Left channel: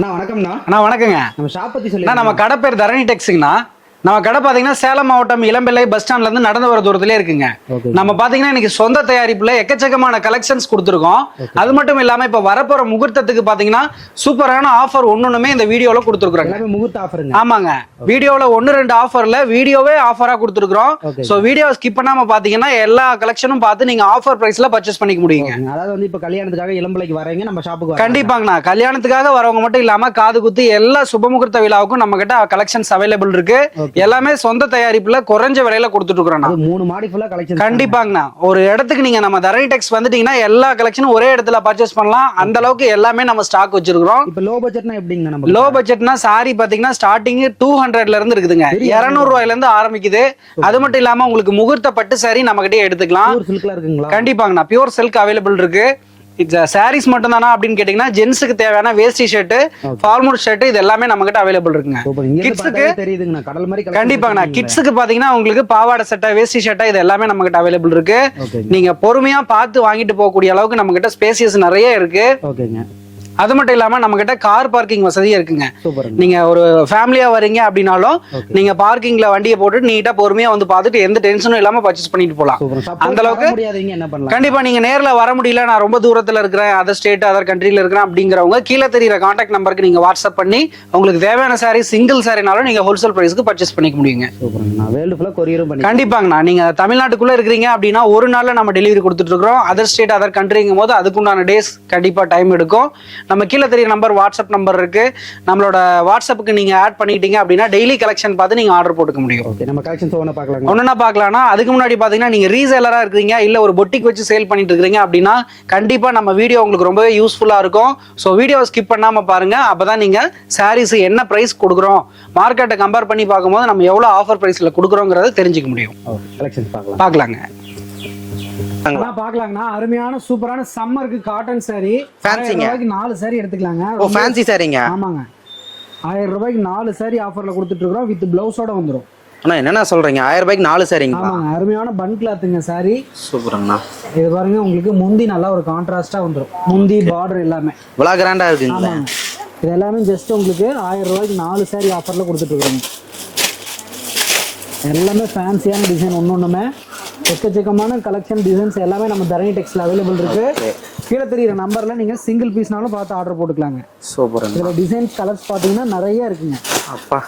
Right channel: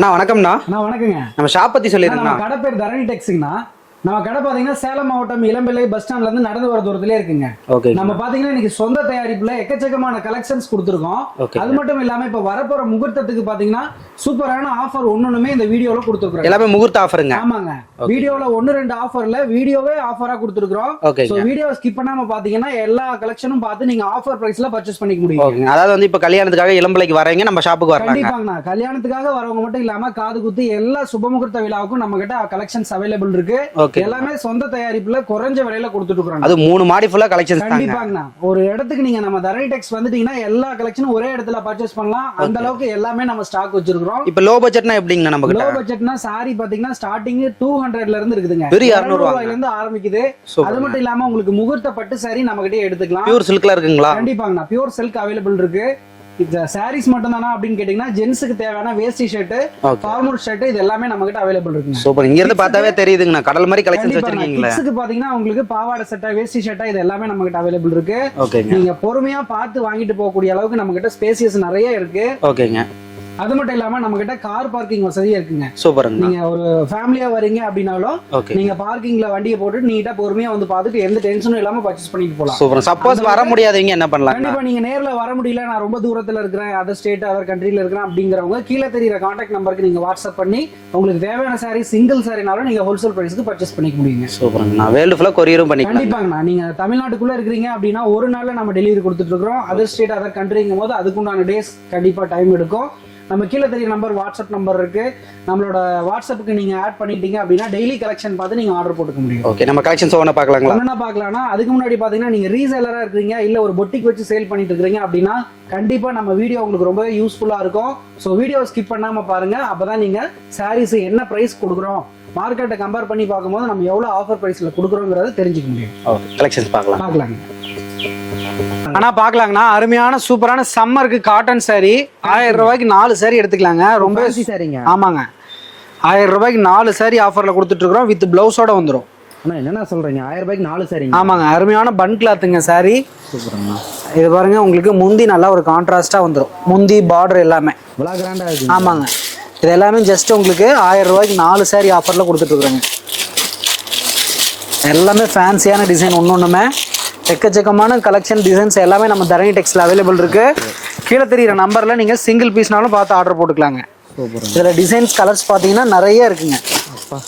அண்ணா வணக்கம்ண்ணா. அண்ணா வணக்கங்க. நம்ம ஷாப் பத்தி சொல்லி நம்ம கடை பேர் தரணி டெக்ஸுங்கண்ணா. நம்ம கடை பாத்தீங்கன்னா சேலம் மாவட்டம் இளம்பிள்ளை பஸ் ஸ்டாண்ட்ல இருந்து நடந்து வர தூரத்திலே இருக்குங்க. நம்ம பாத்தீங்கன்னா இன்னைக்கு சொந்த தயாரிப்புல எக்கச்சக்கமான கலெக்ஷன்ஸ் கொடுத்துருக்கோம். அது மட்டும் இல்லாம இப்ப வரப்போற முகூர்த்தத்துக்கு பாத்தீங்கன்னா சூப்பரான ஆஃபர் ஒண்ணுமே இந்த வீடியோல கொடுத்துருக்கோம். எல்லாமே முகூர்த்த ஆஃபருங்க. ஆமாங்க, வீடியோல 1-2 ஆஃபர்ல வீடியோவே ஆஃபரா கொடுத்துருக்கோம். சோ வீடியோ ஸ்கிப் பண்ணாம பாத்தீங்கன்னா எல்லா கலெக்ஷனும் பார்த்து நீங்க ஆஃபர் பிரைஸ்ல பர்ச்சேஸ் பண்ணிக்க முடியும். அதாவது வந்து இப்ப கல்யாணத்துக்காக இளம்பிள்ளைக்கு வரீங்க, நம்ம ஷாப்புக்கு கண்டிப்பாங்கண்ணா. கல்யாணத்துக்காக வரவங்க மட்டும் இல்லாம காது குத்து எல்லா சுபமுகூர்த்த விழாவுக்கும் நம்ம கிட்ட கலெக்ஷன்ஸ் அவைலபிள் இருக்கு. எல்லாமே சொந்த தயாரிப்புல குறைஞ்ச விலையில கொடுத்துட்டு இருக்கோம். அது 3 மாடி ஃபுல்லா கலெக்ஷன். கண்டிப்பாங்கண்ணா. ஒரு இடத்துக்கு நீங்க நம்ம தரணி டெக்ஸ் வந்துட்டீங்கன்னா எல்லா கலெக்ஷனும் ஒரே இடத்துல பர்ச்சேஸ் பண்ணலாம். அந்த அளவுக்கு எல்லாமே நம்ம ஸ்டாக் வச்சிருக்கோம். இப்ப லோ பட்ஜெட்னா எப்படிங்க? நம்ம லோ பட்ஜெட்னா சாரி பாத்தீங்கன்னா ஸ்டார்டிங் 200ல இருந்து இருக்குதுங்க. 200 ரூபாயில இருந்து ஆரம்பிக்குது. அது மட்டும் இல்லாம உங்களுக்கு முகூர்த்த பட்டு சாரி நம்ம கிட்டே எடுத்துக்கலாம். பியூர் சில்க்ல இருக்குங்களா? கண்டிப்பாங்கண்ணா, பியூர் சில்க் அவைலபிள் இருக்கு. சாரீஸ் மட்டும் தானா அப்படின்னு கேட்டீங்கன்னா ஜென்ஸுக்கு தேவையான வேஸ்டி ஷர்ட், ஃபார்மல் ஷர்ட் இது எல்லாமே நம்ம கிட்ட அவைலபிள் இருக்குங்க. சூப்பர். இங்க இருந்து பார்த்தாவே தெரியுதுங்க கடல் மாதிரி கலெக்ஷன். கண்டிப்பாங்க. கிட்ஸ்க்கு பாத்தீங்கன்னா உங்களுக்கு பாவாடை சட்டை, வேஸ்டி சட்டை இது எல்லாமே நம்ம கிட்ட அவைலபிள் இருக்கு. நீங்க பொறுமையா பார்த்து வாங்கிட்டு போகக்கூடிய அளவுக்கு நம்ம கிட்ட ஸ்பேசியஸ் நிறைய இருக்கு. ஓகேங்க. அது மட்டும் இல்லாம நம்ம கிட்ட கார் பார்க்கிங் வசதியா இருக்குங்க. சூப்பர். நீங்க ஒரு ஃபேமிலியா வரீங்க அப்படின்னாலும் நீங்க பார்க்கிங்ல வண்டியை போட்டு நீட்டா பொறுமையா வந்து பார்த்துட்டு எந்த டென்ஷனும் இல்லாம பர்ச்சேஸ் பண்ணிட்டு போலாம். சூப்பர். சப்போஸ் வர முடியாதவங்க என்ன பண்ணலாம்? கண்டிப்பா நீங்க நேர்ல வர முடியல, நான் ரொம்ப தூரத்துல இருக்கிறேன், அதர் ஸ்டேட் அதர் கண்ட்ரில இருக்கிறேன் அப்படிங்கிறவங்க கீழே தெரியுற கான்டாக்ட் நம்பருக்கு நீங்க வாட்ஸ்அப் பண்ணி உங்களுக்கு தேவையான சாரி சிங்கிள் சாரினாலும் நீங்க ஹோல்சேல் பிரைஸ்க்கு பர்ச்சேஸ் பண்ணிக்க முடியுங்க. சூப்பர்ங்கண்ணா. வேர்ல்டு ஃபுல்லா கொரியரும் பண்ணி. கண்டிப்பாங்கண்ணா. நீங்க தமிழ்நாட்டுக்குள்ள இருக்கிறீங்க அப்படின்னா ஒரு நாள்ல நம்ம டெலிவரி கொடுத்துட்டு இருக்கோம். அதர் ஸ்டேட் அதர் கண்ட்ரிங்கும் போது அதுக்குண்டான டேஸ் கண்டிப்பா டைம் எடுக்கும். நம்ம கீழே தெரியுற நம்பர் வாட்ஸ்அப் நம்பர் இருக்கு. நம்மளோட வாட்ஸ்அப்புக்கு நீங்க ஆட் பண்ணிட்டீங்க அப்படின்னா டெய்லி கலெக்ஷன் பார்த்து நீங்க ஆர்டர் போட்டுக்க முடியும். ஓகே. நம்ம கலெக்ஷன்ஸ் ஒண்ணா பார்க்கலாம். ஒண்ணா பார்க்கலாம்னா அதுக்கு முன்னாடி பாத்தீங்கன்னா நீங்க ரீசேலரா இருக்கீங்க இல்ல ஒரு பொட்டிக் வச்சு சேல் பண்ணிட்டு இருக்கீங்க அப்படின்னா கண்டிப்பா நம்ம வீடியோ உங்களுக்கு ரொம்பவே யூஸ்ஃபுல்லா இருக்கும். ஸோ வீடியோ ஸ்கிப் பண்ணாம பாருங்க. அப்பதான் நீங்க சாரீஸ் என்ன பிரைஸ் கொடுக்குறோம், மார்க்கெட்டை கம்பேர் பண்ணி பார்க்கும்போது நம்ம எவ்வளவு ஆஃபர் பிரைஸ்ல கொடுக்குறோங்கிறத தெரிஞ்சுக்க முடியும். கலெக்ஷன்ஸ் பார்க்கலாங்க. ஆனா பாக்கலாங்கண்ணா, அருமையான சூப்பரான சம்மருக்கு காட்டன் சாரி 1000 ரூபாய்க்கு 4 சாரி எடுத்துக்கலாங்க. ரொம்ப ஃபேன்சி சாரிங்க. ஆமாங்க, 1000 ரூபாய்க்கு 4 சாரி ஆஃபர்ல கொடுத்துட்டு இருக்கோம். வித் பிளவுஸோட வந்துடும். அண்ணா என்னன்னா சொல்றீங்க? 1000 ரூபாய்க்கு 4 சாரிங்க? ஆமாங்க, அருமையான பன் கிளாத்துங்க சாரி. சூப்பர்ண்ணா. இது பாருங்க, உங்களுக்கு முந்தி நல்லா ஒரு கான்ட்ராஸ்டா வந்துடும். முந்தி பார்டர் எல்லாமே இவ்வளோ கிராண்டா இருக்கு. ஆமாங்க, இது எல்லாமே ஜஸ்ட் உங்களுக்கு 1000 ரூபாய்க்கு 4 சாரி ஆஃபர்ல கொடுத்துட்டு இருக்கிறோங்க. எல்லாமே ஃபேன்சியான டிசைன், ஒன்னொன்னுமே எக்கச்சக்கமான கலெக்ஷன் டிசைன்ஸ் எல்லாமே நம்ம தரணி டெக்ஸ்ல அவைலபிள் இருக்கு. கீழே தெரியுற நம்பர்ல நீங்க சிங்கிள் பீஸ்னாலும் பார்த்து ஆர்டர் போட்டுக்கலாங்க. சூப்பர். இதுல டிசைன்ஸ் கலர்ஸ் பாத்தீங்கன்னா நிறைய இருக்குங்க.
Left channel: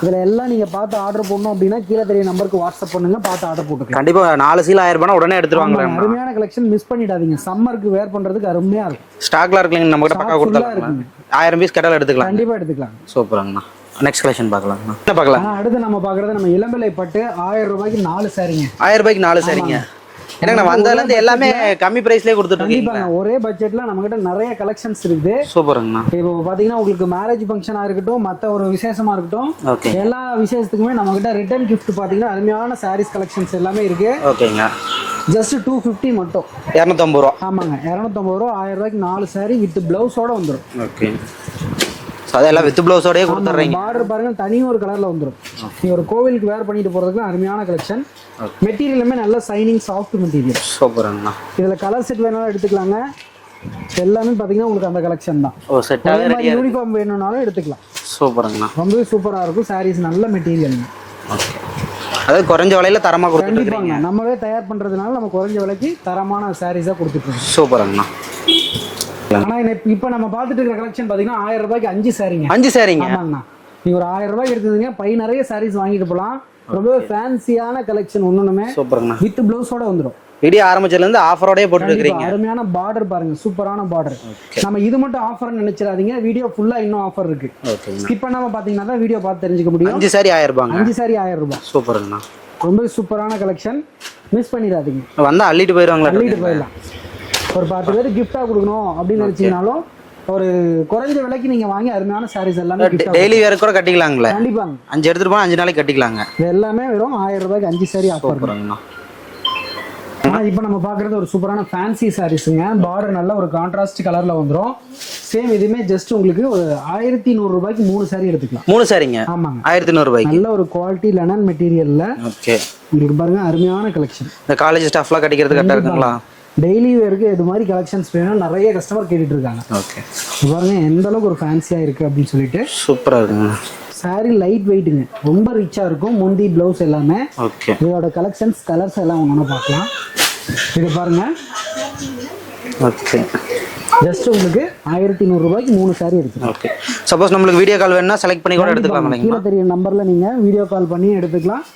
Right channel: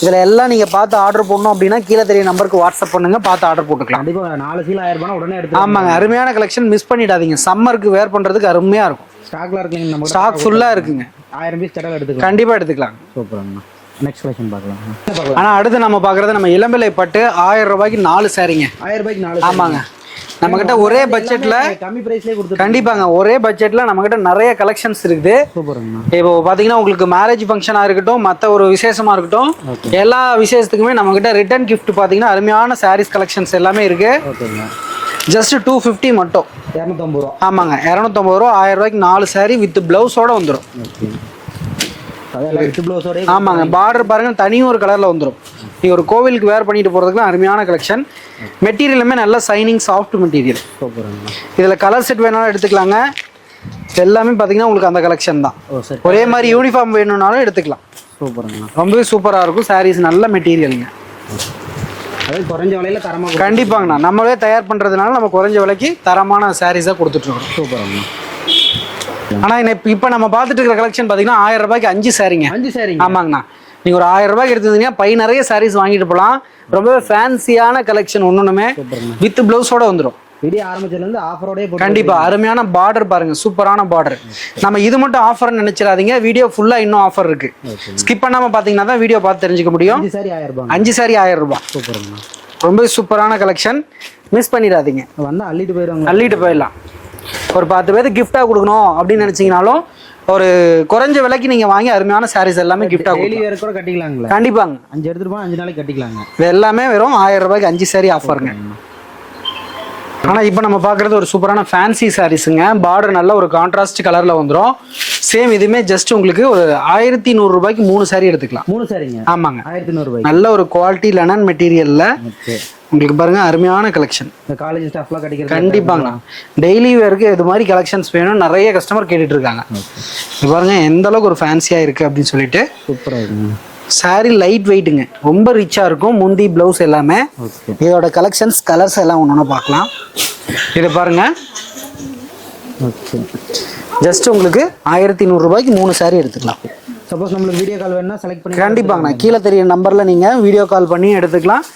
இதுல எல்லாம் நீங்க பார்த்து ஆர்டர் போடணும் அப்படின்னா கீழே தெரிய நம்பருக்கு வாட்ஸ்அப் பண்ணுங்க, பார்த்து ஆர்டர் போட்டுக்கலாம். கண்டிப்பா 4 சீல் 1000 ரூபாய் உடனே எடுத்துக்கலாம். ஆமாங்க, அருமையான கலெக்ஷன், மிஸ் பண்ணிடாதீங்க. சம்மருக்கு வேர் பண்றதுக்கு அருமையா இருக்கும். ஸ்டாக்ல இருக்குங்க, நம்ம ஸ்டாக் ஃபுல்லா இருக்குங்க. 1000 பீஸ் கேட்டாலும் எடுத்துக்கலாம். கண்டிப்பா எடுத்துக்கலாம். சூப்பர்ங்கண்ணா. நெக்ஸ்ட் கலெக்ஷன் பார்க்கலாம். என்ன பார்க்கலாம்? ஆனா அடுத்து நம்ம பாக்குறது நம்ம இளம்பிள்ளை பட்டு 1000 ரூபாய்க்கு 4 சாரிங்க. 1000 ரூபாய்க்கு 4 சாரிங்க. ஒரே பட்ஜெட்ல கம்மி பிரைஸ்லயே கொடுத்துட்டு. கண்டிப்பாங்க, ஒரே பட்ஜெட்ல நம்ம கிட்ட நிறைய கலெக்ஷன்ஸ் இருக்குது. சூப்பர்ங்கண்ணா. இப்போ பாத்தீங்கன்னா உங்களுக்கு மேரேஜ் ஃபங்க்ஷனா இருக்கட்டும், மத்த ஒரு விசேஷமா இருக்கட்டும், எல்லா விசேஷத்துக்குமே நம்ம கிட்ட ரிட்டர்ன் கிஃப்ட் பாத்தீங்கன்னா அருமையான சாரீஸ் கலெக்ஷன்ஸ் எல்லாமே இருக்கு. ஓகேங்க. ஜஸ்ட் 250 மட்டும், 250 ரூபா. ஆமாங்க, 250 ரூபா. 1000 ரூபாய்க்கு 4 சாரி வித் பிளவுஸோட வந்துடும். ஓகே. அதெல்லாம் வித் பிளவுஸோடயே. ஆமாங்க, பார்டர் பாருங்க தனியும் ஒரு கலர்ல வந்துடும். நீங்க ஒரு கோவிலுக்கு வேர் பண்ணிட்டு போறதுக்கு அருமையான கலெக்ஷன். மெட்டீரியலுமே நல்ல சைனிங் சாஃப்ட் மெட்டீரியல். சூப்பர்ங்கண்ணா. இதுல கலர் செட் வேணாலும் எடுத்துக்கலாங்க. எல்லாமே பாத்தீங்கன்னா உங்களுக்கு அந்த கலெக்ஷன் தான். ஒரே மாதிரி யூனிஃபார்ம் வேணும்னாலும் எடுத்துக்கலாம். சூப்பர்ங்கண்ணா. ரொம்பவே சூப்பரா இருக்கும். சாரீஸ் நல்ல மெட்டீரியலுங்க. அதாவது குறைஞ்ச விலையில தரமா. கண்டிப்பாங்கண்ணா, நம்மளே தயார் பண்றதுனால நம்ம குறைஞ்ச விலைக்கு தரமான சாரீஸா கொடுத்துட்டு இருக்கோம். சூப்பர்ங்கண்ணா. ஆனா இப்ப நம்ம பார்த்துட்டு இருக்கிற கலெக்ஷன் பாத்தீங்கன்னா 1000 ரூபாய்க்கு 5 சாரிங்க. 5 சாரிங்க. ஆமாங்கண்ணா, நீங்க ஒரு 1000 ரூபாய்க்கு எடுத்துருந்தீங்கன்னா பை நிறைய சாரீஸ் வாங்கிட்டு போகலாம். ரொம்பவே ஃபேன்சியான கலெக்ஷன், ஒண்ணுமே வித் பிளவுஸோட வந்துடும். வீடியோ ஆரம்பிச்சதுல இருந்து ஆஃபரோடய போட்டு. கண்டிப்பா அருமையான பார்டர் பாருங்க, சூப்பரான பார்டர். நம்ம இது மட்டும் ஆஃபர் நினைச்சிடாதீங்க, வீடியோ ஃபுல்லா இன்னும் ஆஃபர் இருக்கு. ஸ்கிப் பண்ணாம பாத்தீங்கன்னா தான் வீடியோ பார்த்து தெரிஞ்சுக்க முடியும். 5 சாரி 1000 ரூபாய். 5 சாரி 1000 ரூபாய். சூப்பர்ங்கண்ணா. ரொம்ப சூப்பரான கலெக்ஷன், மிஸ் பண்ணிடாதீங்க. வந்தா அள்ளிட்டு போயிடுவாங்க. அள்ளிட்டு போயிடலாம். ஒரு 10 பேருக்கு கிஃப்டா கொடுக்கணும் அப்படின்னு நினைச்சீங்கனாலும் ஒரு குறைஞ்ச விலைக்கு நீங்க வாங்கி அருமையான சாரீஸ் எல்லாமே கிஃப்டா டெய்லி வேர் கூட கட்டிக்கலாங்களா? கண்டிப்பாங்க. 5 எடுத்துட்டு போனா 5 நாளைக்கு கட்டிக்கலாங்க. இது எல்லாமே வெறும் 1000 ரூபாய்க்கு 5 சாரி ஆஃபர். ஆனா இப்போ நம்ம பாக்குறது ஒரு சூப்பரான ஃபேன்சி சாரீஸுங்க. பார்டர் நல்ல ஒரு கான்ட்ராஸ்ட் கலர்ல வந்துடும். சேம் இதுவுமே ஜஸ்ட் உங்களுக்கு ஒரு 1100 ரூபாய்க்கு 3 saree எடுத்துக்கலாம். 3 சாரிங்க. ஆமாங்க, 1100 ரூபாய். நல்ல ஒரு குவாலிட்டி லெனன் மெட்டீரியல்ல ஓகே. உங்களுக்கு பாருங்க அருமையான கலெக்ஷன். இந்த காலேஜ் ஸ்டாஃப்லாம் கட்டிக்கிறது கண்டிப்பாங்க. டெய்லி வேருக்கு இது மாதிரி கலெக்ஷன்ஸ் வேணும் நிறைய கஸ்டமர் கேட்டுட்டு இருக்காங்க. ஓகே. இது பாருங்க எந்த அளவுக்கு ஒரு ஃபேன்சியா இருக்கு அப்படின்னு சொல்லிட்டு. சூப்பரா இருக்குங்க. saree லைட் வெயிட்டுங்க, ரொம்ப ரிச்சா இருக்கும். முந்தி பிளவுஸ் எல்லாமே. ஓகே. இதோட கலெக்ஷன்ஸ் கலர்ஸ் எல்லாம் ஒன்று பார்க்கலாம். இது பாருங்க. ஓகே. ஜஸ்ட் உங்களுக்கு 1100 ரூபாய்க்கு 3 saree எடுத்துக்கலாம். ஓகே. சப்போஸ் நம்மளுக்கு வீடியோ கால் வேணும்னா செலக்ட் பண்ணி கண்டிப்பாங்க கீழே தெரிய நம்பர்ல நீங்க வீடியோ கால் பண்ணி எடுத்துக்கலாம்.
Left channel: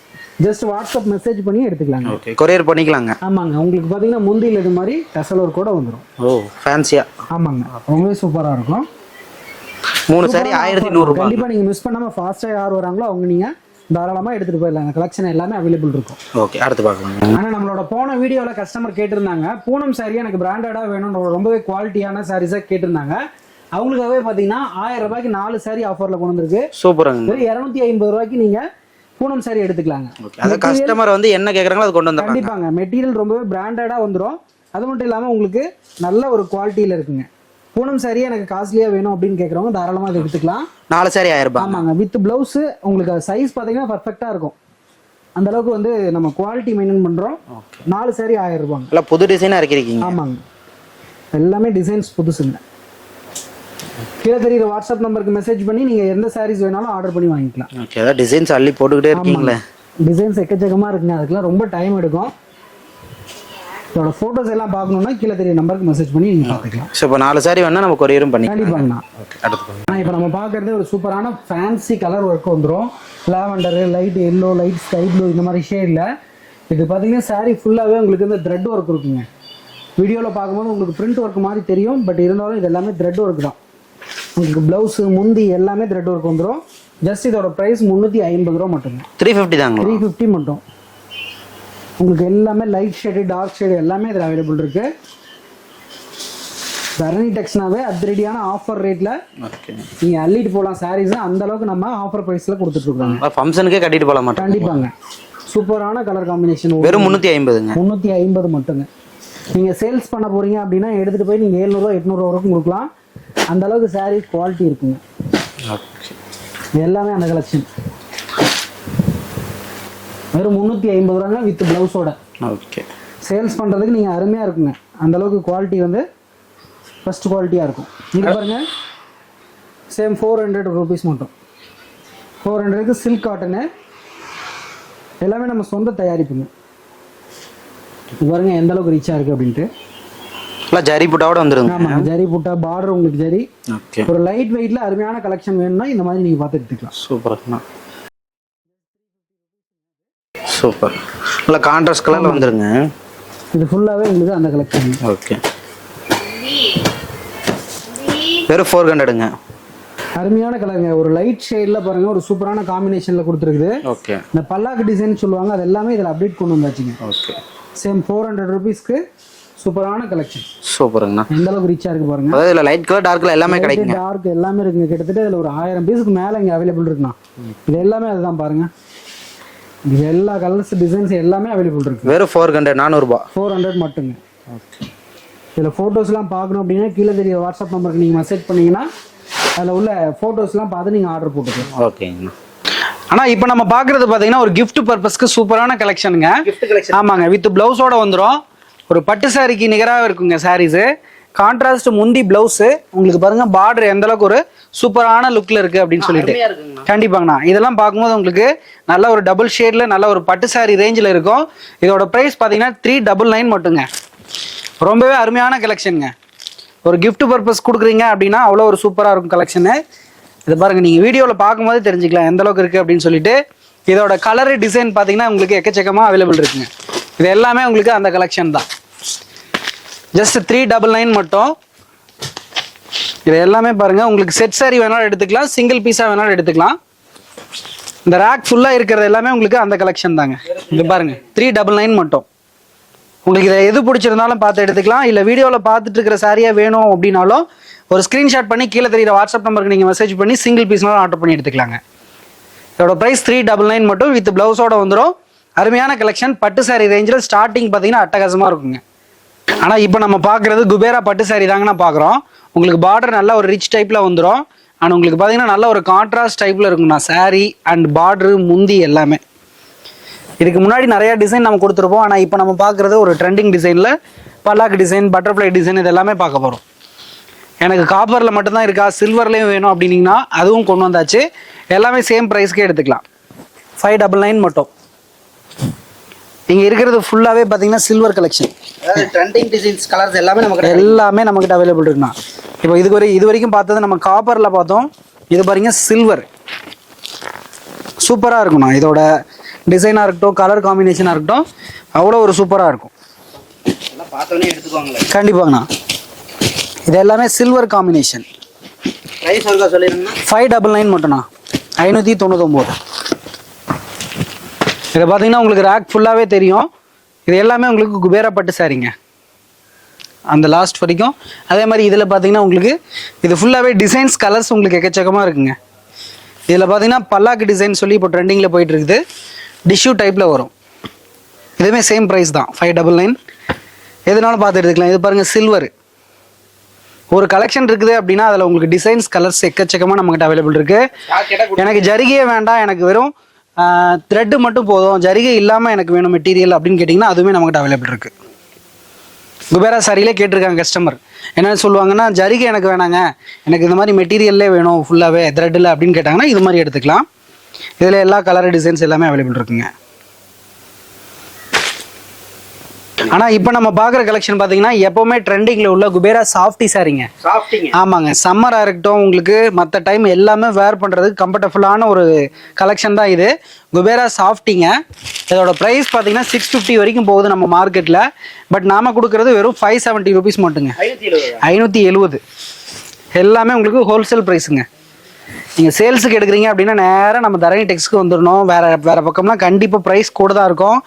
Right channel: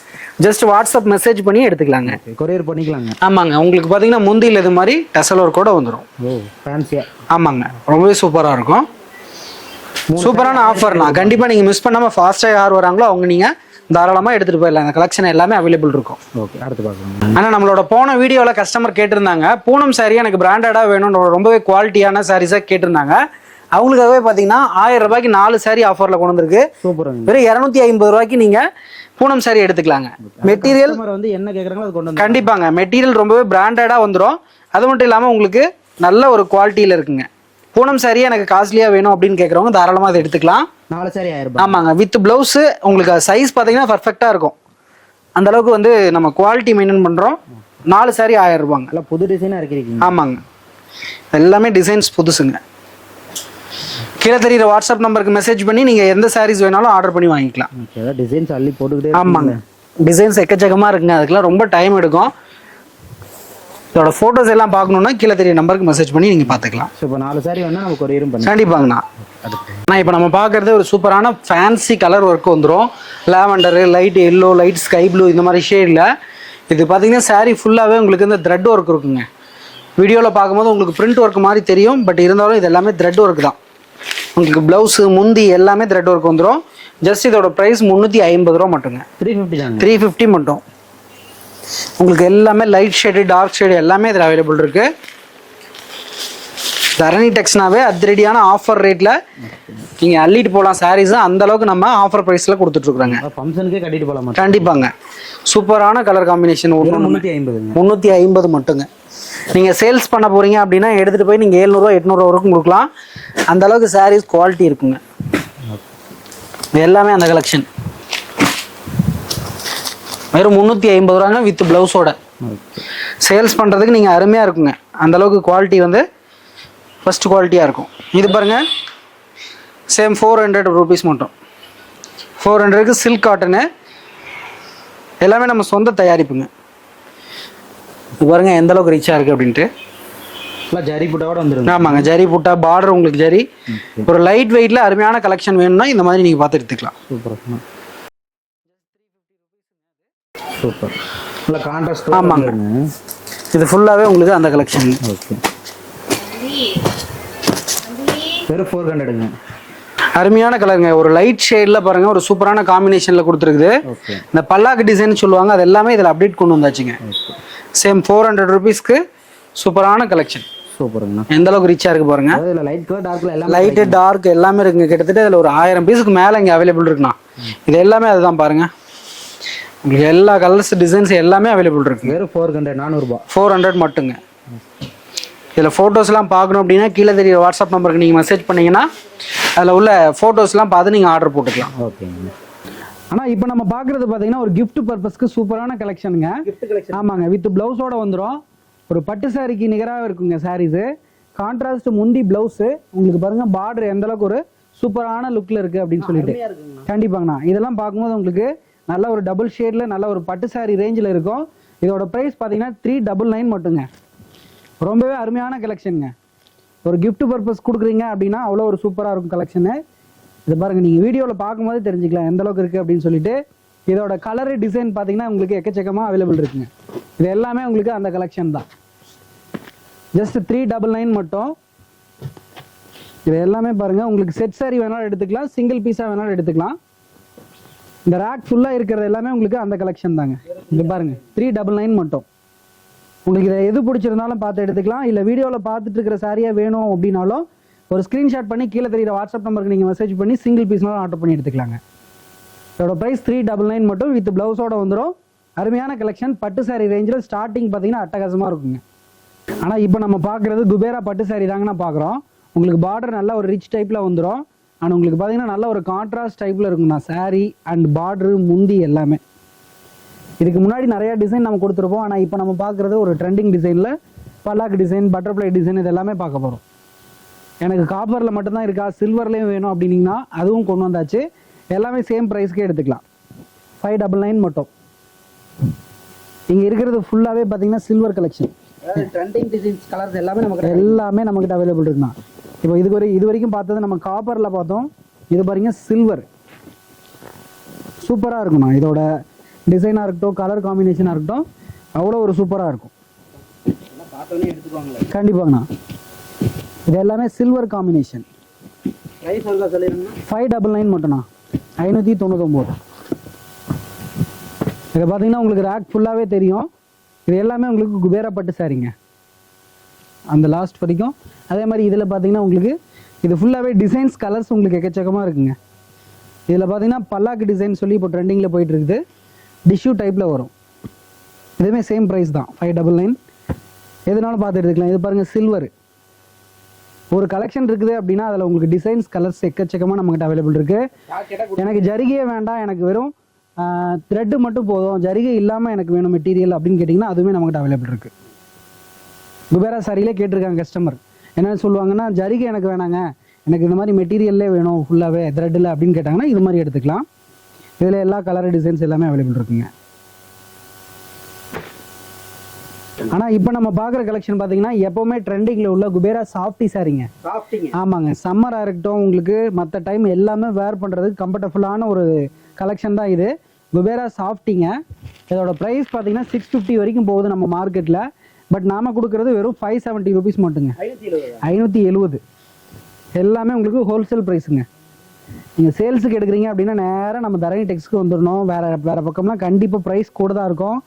ஜஸ்ட் வாட்ஸ்அப் மெசேஜ் பண்ணி எடுத்துக்கலாங்க. கொரியர் பண்ணிக்கலாங்க. ஆமாங்க. உங்களுக்கு பார்த்தீங்கன்னா முந்தியில் இது மாதிரி டசல் ஒர்க் கூட வந்துடும். ஓ ஃபேன்சியா. ஆமாங்க, ரொம்பவே சூப்பராக இருக்கும். 3 சூப்பரான ஆஃபர் தான். கண்டிப்பாக நீங்கள் மிஸ் பண்ணாமல் ஃபாஸ்ட்டாக யார் வராங்களோ அவங்க நீங்கள் தாராளமாக எடுத்துகிட்டு போயிடலாம். அந்த கலெக்ஷன் எல்லாமே அவைலபிள் இருக்கும். ஓகே. அடுத்து பார்க்கலாம். ஆனால் நம்மளோட போன வீடியோவில் கஸ்டமர் கேட்டிருந்தாங்க பூனம் saree எனக்கு பிராண்டடாக வேணும், ரொம்பவே குவாலிட்டியான சாரீஸாக கேட்டிருந்தாங்க. அவங்களுக்காகவே பார்த்தீங்கன்னா 1000 ரூபாய்க்கு 4 saree ஆஃபரில் கொண்டு வந்திருக்கு. சூப்பராங்க. வெறும் 250 ரூபாய்க்கு நீங்கள் பூனம் saree எடுத்துக்கலாங்க. மெட்டீரியல் வந்து என்ன கேக்குறாங்களோ அது கொண்டு வந்து கண்டிப்பாங்க. மெட்டீரியல் ரொம்பவே பிராண்டடா வந்துடும். அது மட்டும் இல்லாமல் உங்களுக்கு நல்ல ஒரு குவாலிட்டியில் இருக்குங்க. பூனம் saree எனக்கு காஸ்ட்லியா வேணும் அப்படின்னு கேட்குறவங்க தாராளமாக அதை எடுத்துக்கலாம். 4 சாரி 1000 ரூபாய். ஆமாங்க. வித் பிளவுஸ் உங்களுக்கு சைஸ் பார்த்தீங்கன்னா பர்ஃபெக்டா இருக்கும். அந்த அளவுக்கு வந்து நம்ம குவாலிட்டி மெயின்டைன் பண்றோம். 4 saree 1000 ரூபாங்க. எல்லாம் புது டிசைனா இருக்கீங்க. ஆமாங்க, எல்லாமே டிசைன்ஸ் புதுசுங்க. கீழே தெரியுற வாட்ஸ்அப் நம்பருக்கு மெசேஜ் பண்ணி நீங்க எந்த சாரீஸ் வேணாலும் ஆர்டர் பண்ணி வாங்கிக்கலாம். ஓகே. அதான் டிசைன்ஸ் அள்ளி போட்டுக்கிட்டே ஆமாங்க. டிசைன்ஸ் எக்கச்சக்கமா இருக்குங்க. அதுக்கெல்லாம் ரொம்ப டைம் எடுக்கும். இதோட ஃபோட்டோஸ் எல்லாம் பார்க்கணுன்னா கீழே தெரிய நம்பருக்கு மெசேஜ் பண்ணி நீங்கள் பார்த்துக்கலாம். ஸோ இப்போ 4 சாரி வேணா நம்ம கொரியரும் பண்ணி. கண்டிப்பாங்கண்ணா. அடுத்து நான் இப்போ நம்ம பார்க்குறது ஒரு சூப்பரான ஃபேன்சி கலர் ஒர்க் வந்துடும். Lavender, light yellow, light sky blue இந்த மாதிரி ஷேடில். இது பார்த்தீங்கன்னா saree ஃபுல்லாகவே உங்களுக்கு இந்த த்ரெட் ஒர்க் இருக்குங்க. வீடியோவில் பார்க்கும்போது உங்களுக்கு பிரிண்ட் ஒர்க் மாதிரி தெரியும். பட் இருந்தாலும் இது எல்லாமே த்ரெட் ஒர்க் தான். உங்களுக்கு ப்ளவுஸு முந்தி எல்லாமே த்ரெட் ஒர்க் வந்துடும். ஜஸ்ட் இதோட ப்ரைஸ் 350 ரூபா மட்டுங்க. 350 தாங்க. 350 மட்டும். உங்களுக்கு எல்லாமே லைட் ஷேடு டார்க் ஷேடு எல்லாமே இதில் அவைலபிள் இருக்கு. தரணி டெக்ஸ்னாவே அதிரடியான ஆஃபர் ரேட்டில் நீங்கள் அள்ளிட்டு போகலாம். சாரீஸ் அந்த அளவுக்கு நம்ம ஆஃபர் ப்ரைஸில் கொடுத்துட்ருக்குறாங்க. ஃபங்க்ஷனுக்கே கட்டிட்டு போகலாம். கண்டிப்பாங்க. சூப்பரான கலர் காம்பினேஷன். வெறும் 350ங்க. 350 மட்டுங்க. நீங்கள் சேல்ஸ் பண்ண போகிறீங்க அப்படின்னா எடுத்துகிட்டு போய் நீங்கள் 700 800 வரைக்கும் கொடுக்கலாம். அந்த அளவுக்கு சாரீஸ் குவாலிட்டி இருக்குங்க. எல்லாமே அந்த கலெக்ஷன் வெறும் 350 ரூபாங்க வித் பிளவுஸோட. ஓகே. சேல்ஸ் பண்ணுறதுக்கு நீங்கள் அருமையாக இருக்குங்க. அந்த அளவுக்கு குவாலிட்டி வந்து ஃபர்ஸ்ட் குவாலிட்டியாக இருக்கும். இது பாருங்க சேம் 400 ரூபீஸ் மட்டும். 400க்கு சில்க் காட்டனு எல்லாமே நம்ம சொந்த தயாரிப்புங்க. இது பாருங்க எந்த அளவுக்கு ரிச்சாக இருக்குது அப்படின்ட்டு. எல்லாம் ஜரி புட்டாவோட வந்துருங்க. ஆமாங்க, ஜரி புட்டா பார்டர் உங்களுக்கு ஜரி. ஓகே. ஒரு லைட் வெயிட்ல அருமையான கலெக்ஷன் வேணும்னா இந்த மாதிரி நீங்கள் பார்த்து எடுத்துக்கலாம். சூப்பர். சூப்பர். நல்லா கான்ட்ராஸ்ட் கலர் வந்துருங்க. இது ஃபுல்லாகவே உங்களுக்கு அந்த கலெக்ஷன். ஓகே. வெறும் 400ங்க. அருமையான கலருங்க. ஒரு லைட் ஷேடில் பாருங்க ஒரு சூப்பரான காம்பினேஷனில் கொடுத்துருக்குது. ஓகே. இந்த பல்லாக்கு டிசைன் சொல்லுவாங்க, அது எல்லாமே இதில் அப்டேட் கொண்டு வந்தாச்சுங்க. ஓகே. சேம் 400 ரூபீஸ்க்கு சூப்பரான கலெக்ஷன். சூப்பருங்கண்ணா. எந்த அளவுக்கு ரிச்சா இருக்கு பாருங்க. அதாவது இதில் லைட் கலர் டார்க் கலர் எல்லாமே லைட் டார்க் எல்லாமே இருக்குங்க. கிட்டத்தட்ட இதில் ஒரு 1000 பீஸுக்கு மேலே இங்கே அவைலபிள் இருக்குண்ணா. இது எல்லாமே அதுதான் பாருங்க. உங்களுக்கு எல்லா கலர்ஸ் டிசைன்ஸ் எல்லாமே அவைலபிள் இருக்கு. வெறும் 400 400 ரூபாய். 400 மட்டுங்க. இதில் ஃபோட்டோஸ்லாம் பார்க்கணும் அப்படின்னா கீழே தெரியுற வாட்ஸ்அப் நம்பருக்கு நீங்கள் மெசேஜ் பண்ணீங்கன்னா அதில் உள்ள ஃபோட்டோஸ்லாம் பார்த்து நீங்கள் ஆர்டர் போட்டுக்கலாம். ஓகேங்க. ஆனால் இப்போ நம்ம பார்க்குறது பார்த்தீங்கன்னா ஒரு கிஃப்ட் பர்பஸ்க்கு சூப்பரான கலெக்ஷனுங்க. ஆமாங்க, வித் ப்ளவுஸோட வந்துடும். ஒரு பட்டு சாரிக்கு நிகராக இருக்குங்க சாரீஸு. கான்ட்ராஸ்ட் முந்தி பிளவுஸு உங்களுக்கு பாருங்க பார்டர் எந்த அளவுக்கு ஒரு சூப்பரான லுக்கில் இருக்குது அப்படின்னு சொல்லிட்டு. கண்டிப்பாங்கண்ணா. இதெல்லாம் பார்க்கும்போது உங்களுக்கு நல்ல ஒரு டபுள் ஷேடில் நல்ல ஒரு பட்டு சாரி ரேஞ்சில் இருக்கும். இதோட ப்ரைஸ் பார்த்தீங்கன்னா 399 மட்டுங்க. ரொம்பவே அருமையான கலெக்ஷனுங்க. ஒரு கிஃப்ட் பர்பஸ் கொடுக்குறீங்க அப்படின்னா அவ்வளோ ஒரு சூப்பராக இருக்கும் கலெக்ஷனு. இது பாருங்க, நீங்கள் வீடியோவில் பார்க்கும்போது தெரிஞ்சுக்கலாம் எந்த அளவுக்கு இருக்குது அப்படின்னு சொல்லிட்டு. இதோட கலரு டிசைன் பார்த்தீங்கன்னா உங்களுக்கு எக்கச்சக்கமாக அவைலபிள் இருக்குங்க. இது எல்லாமே உங்களுக்கு அந்த கலெக்ஷன் தான். ஜஸ்ட் 399 மட்டும். இது எல்லாமே பாருங்க உங்களுக்கு செட் சாரி வேணாலும் எடுத்துக்கலாம், சிங்கிள் பீஸாக வேணாலும் எடுத்துக்கலாம். இந்த ரேக் ஃபுல்லாக இருக்கிறது எல்லாமே உங்களுக்கு அந்த கலெக்ஷன் தாங்க. இது பாருங்க 399 மட்டும். உங்களுக்கு இதை எது பிடிச்சிருந்தாலும் பார்த்து எடுத்துக்கலாம். இல்லை வீடியோவில் பார்த்துட்டு இருக்கிற சாரியாக வேணும் அப்படின்னாலும் ஒரு ஸ்க்ரீன்ஷாட் பண்ணி கீழே தெரியுற வாட்ஸ்அப் நம்பருக்கு நீங்கள் மெசேஜ் பண்ணி சிங்கிள் பீஸ்னாலும் ஆர்டர் பண்ணி எடுத்துக்கலாங்க. இதோட ப்ரைஸ் 399 மட்டும் வித் பிளவுஸோட வந்துடும். அருமையான கலெக்ஷன். பட்டு சாரி ரேஞ்சில் ஸ்டார்டிங் பார்த்தீங்கன்னா அட்டகாசமாக இருக்குங்க. ஆனால் இப்போ நம்ம பார்க்குறது குபேரா பட்டு சாரி தாங்கண்ணா பார்க்குறோம். உங்களுக்கு பார்டர் நல்லா ஒரு ரிச் டைப்பில் வந்துடும். அண்ட் உங்களுக்கு பார்த்தீங்கன்னா நல்ல ஒரு கான்ட்ராஸ்ட் டைப்பில் இருக்குங்கண்ணா saree அண்ட் பார்டரு முந்தி எல்லாமே. இதுக்கு முன்னாடி நிறையா டிசைன் நம்ம கொடுத்துருப்போம். ஆனால் இப்போ நம்ம பார்க்குறது ஒரு ட்ரெண்டிங் டிசைனில் பல்லாக்கு டிசைன், பட்டர்ஃப்ளை டிசைன் இது எல்லாமே பார்க்க போகிறோம். எனக்கு காப்பரில் மட்டும்தான் இருக்கா, சில்வர்லேயும் வேணும் அப்படின்னீங்கன்னா அதுவும் கொண்டு வந்தாச்சு. எல்லாமே சேம் ப்ரைஸ்க்கே எடுத்துக்கலாம். 599 மட்டும். இங்கே இருக்கிறது ஃபுல்லாகவே பார்த்தீங்கன்னா சில்வர் கலெக்ஷன். அதாவது ட்ரெண்டிங் டிசைன்ஸ் கலர்ஸ் எல்லாமே எல்லாமே நம்மக்கிட்ட அவைலபிள் இருக்குண்ணா. இப்போ இது வரைக்கும் பார்த்தது நம்ம காப்பரில் பார்த்தோம். இது பாருங்க சில்வர் சூப்பராக இருக்குண்ணா. இதோட டிசைனாக இருக்கட்டும், கலர் காம்பினேஷனாக இருக்கட்டும், அவ்வளோ ஒரு சூப்பராக இருக்கும். பார்த்தோன்னே எடுத்துக்குவாங்களே. கண்டிப்பாங்கண்ணா. இது எல்லாமே சில்வர் காம்பினேஷன். ப்ரைஸ் ஒருக்கா சொல்லிடுங்கண்ணா. 599 மட்டும்ண்ணா. 599. இதை பார்த்தீங்கன்னா உங்களுக்கு ரேக் ஃபுல்லாகவே தெரியும். இது எல்லாமே உங்களுக்கு குபேரா பட்டு சாரிங்க அந்த லாஸ்ட் வரைக்கும். அதே மாதிரி இதில் பார்த்தீங்கன்னா உங்களுக்கு இது ஃபுல்லாகவே டிசைன்ஸ் கலர்ஸ் உங்களுக்கு எக்கச்சக்கமாக இருக்குங்க. இதில் பார்த்தீங்கன்னா பல்லாக்கு டிசைன் சொல்லி இப்போ ட்ரெண்டிங்கில் போயிட்டு இருக்குது. டிஷ்யூ டைப்பில் வரும். இதுவுமே சேம் ப்ரைஸ் தான் 599. எதுனாலும் பார்த்து எடுத்துக்கலாம். இது பாருங்கள் சில்வர். ஒரு கலெக்ஷன் இருக்குது அப்படின்னா அதில் உங்களுக்கு டிசைன்ஸ் கலர்ஸ் எக்கச்சக்கமாக நம்மகிட்ட அவைலபிள் இருக்குது. எனக்கு ஜரிகையே வேண்டாம், எனக்கு வெறும் த்ரெட்டு மட்டும் போதும், ஜரிகை இல்லாமல் எனக்கு வேணும் மெட்டீரியல் அப்படின்னு கேட்டிங்கன்னா அதுவுமே நம்மகிட்ட அவைலபிள் இருக்குது. குபேரா சாரியிலே கேட்டிருக்காங்க கஸ்டமர். என்ன சொல்லுவாங்கன்னா ஜரிகை எனக்கு வேணாங்க, எனக்கு இந்த மாதிரி மெட்டீரியல்லே வேணும் ஃபுல்லாகவே த்ரெட்டில் அப்படின்னு கேட்டாங்கன்னா இது மாதிரி எடுத்துக்கலாம். இதில் எல்லா கலர் டிசைன்ஸ் எல்லாமே அவைலபிள் இருக்குங்க. ஆனால் இப்போ நம்ம பார்க்குற கலெக்ஷன் பார்த்தீங்கன்னா எப்போவுமே ட்ரெண்டிங்கில் உள்ள குபேரா சாஃப்டி சாரிங்க. ஆமாங்க. சம்மராக இருக்கட்டும், உங்களுக்கு மற்ற டைம் எல்லாமே வேர் பண்ணுறதுக்கு கம்ஃபர்டபுளான ஒரு கலெக்ஷன் தான் இது. குபேரா சாஃப்டிங்க. இதோட ப்ரைஸ் பார்த்தீங்கன்னா 650 வரைக்கும் போகுது நம்ம மார்க்கெட்டில். பட் நாம் கொடுக்குறது வெறும் 570 rupees மட்டுங்க. 570. எல்லாமே உங்களுக்கு ஹோல்சேல் ப்ரைஸுங்க. நீங்கள் சேல்ஸுக்கு எடுக்கிறீங்க அப்படின்னா நேராக நம்ம தரணி டெக்ஸ்க்கு வந்துடணும். வேறு பக்கம்லாம் கண்டிப்பாக ப்ரைஸ் கூட தான் இருக்கும்.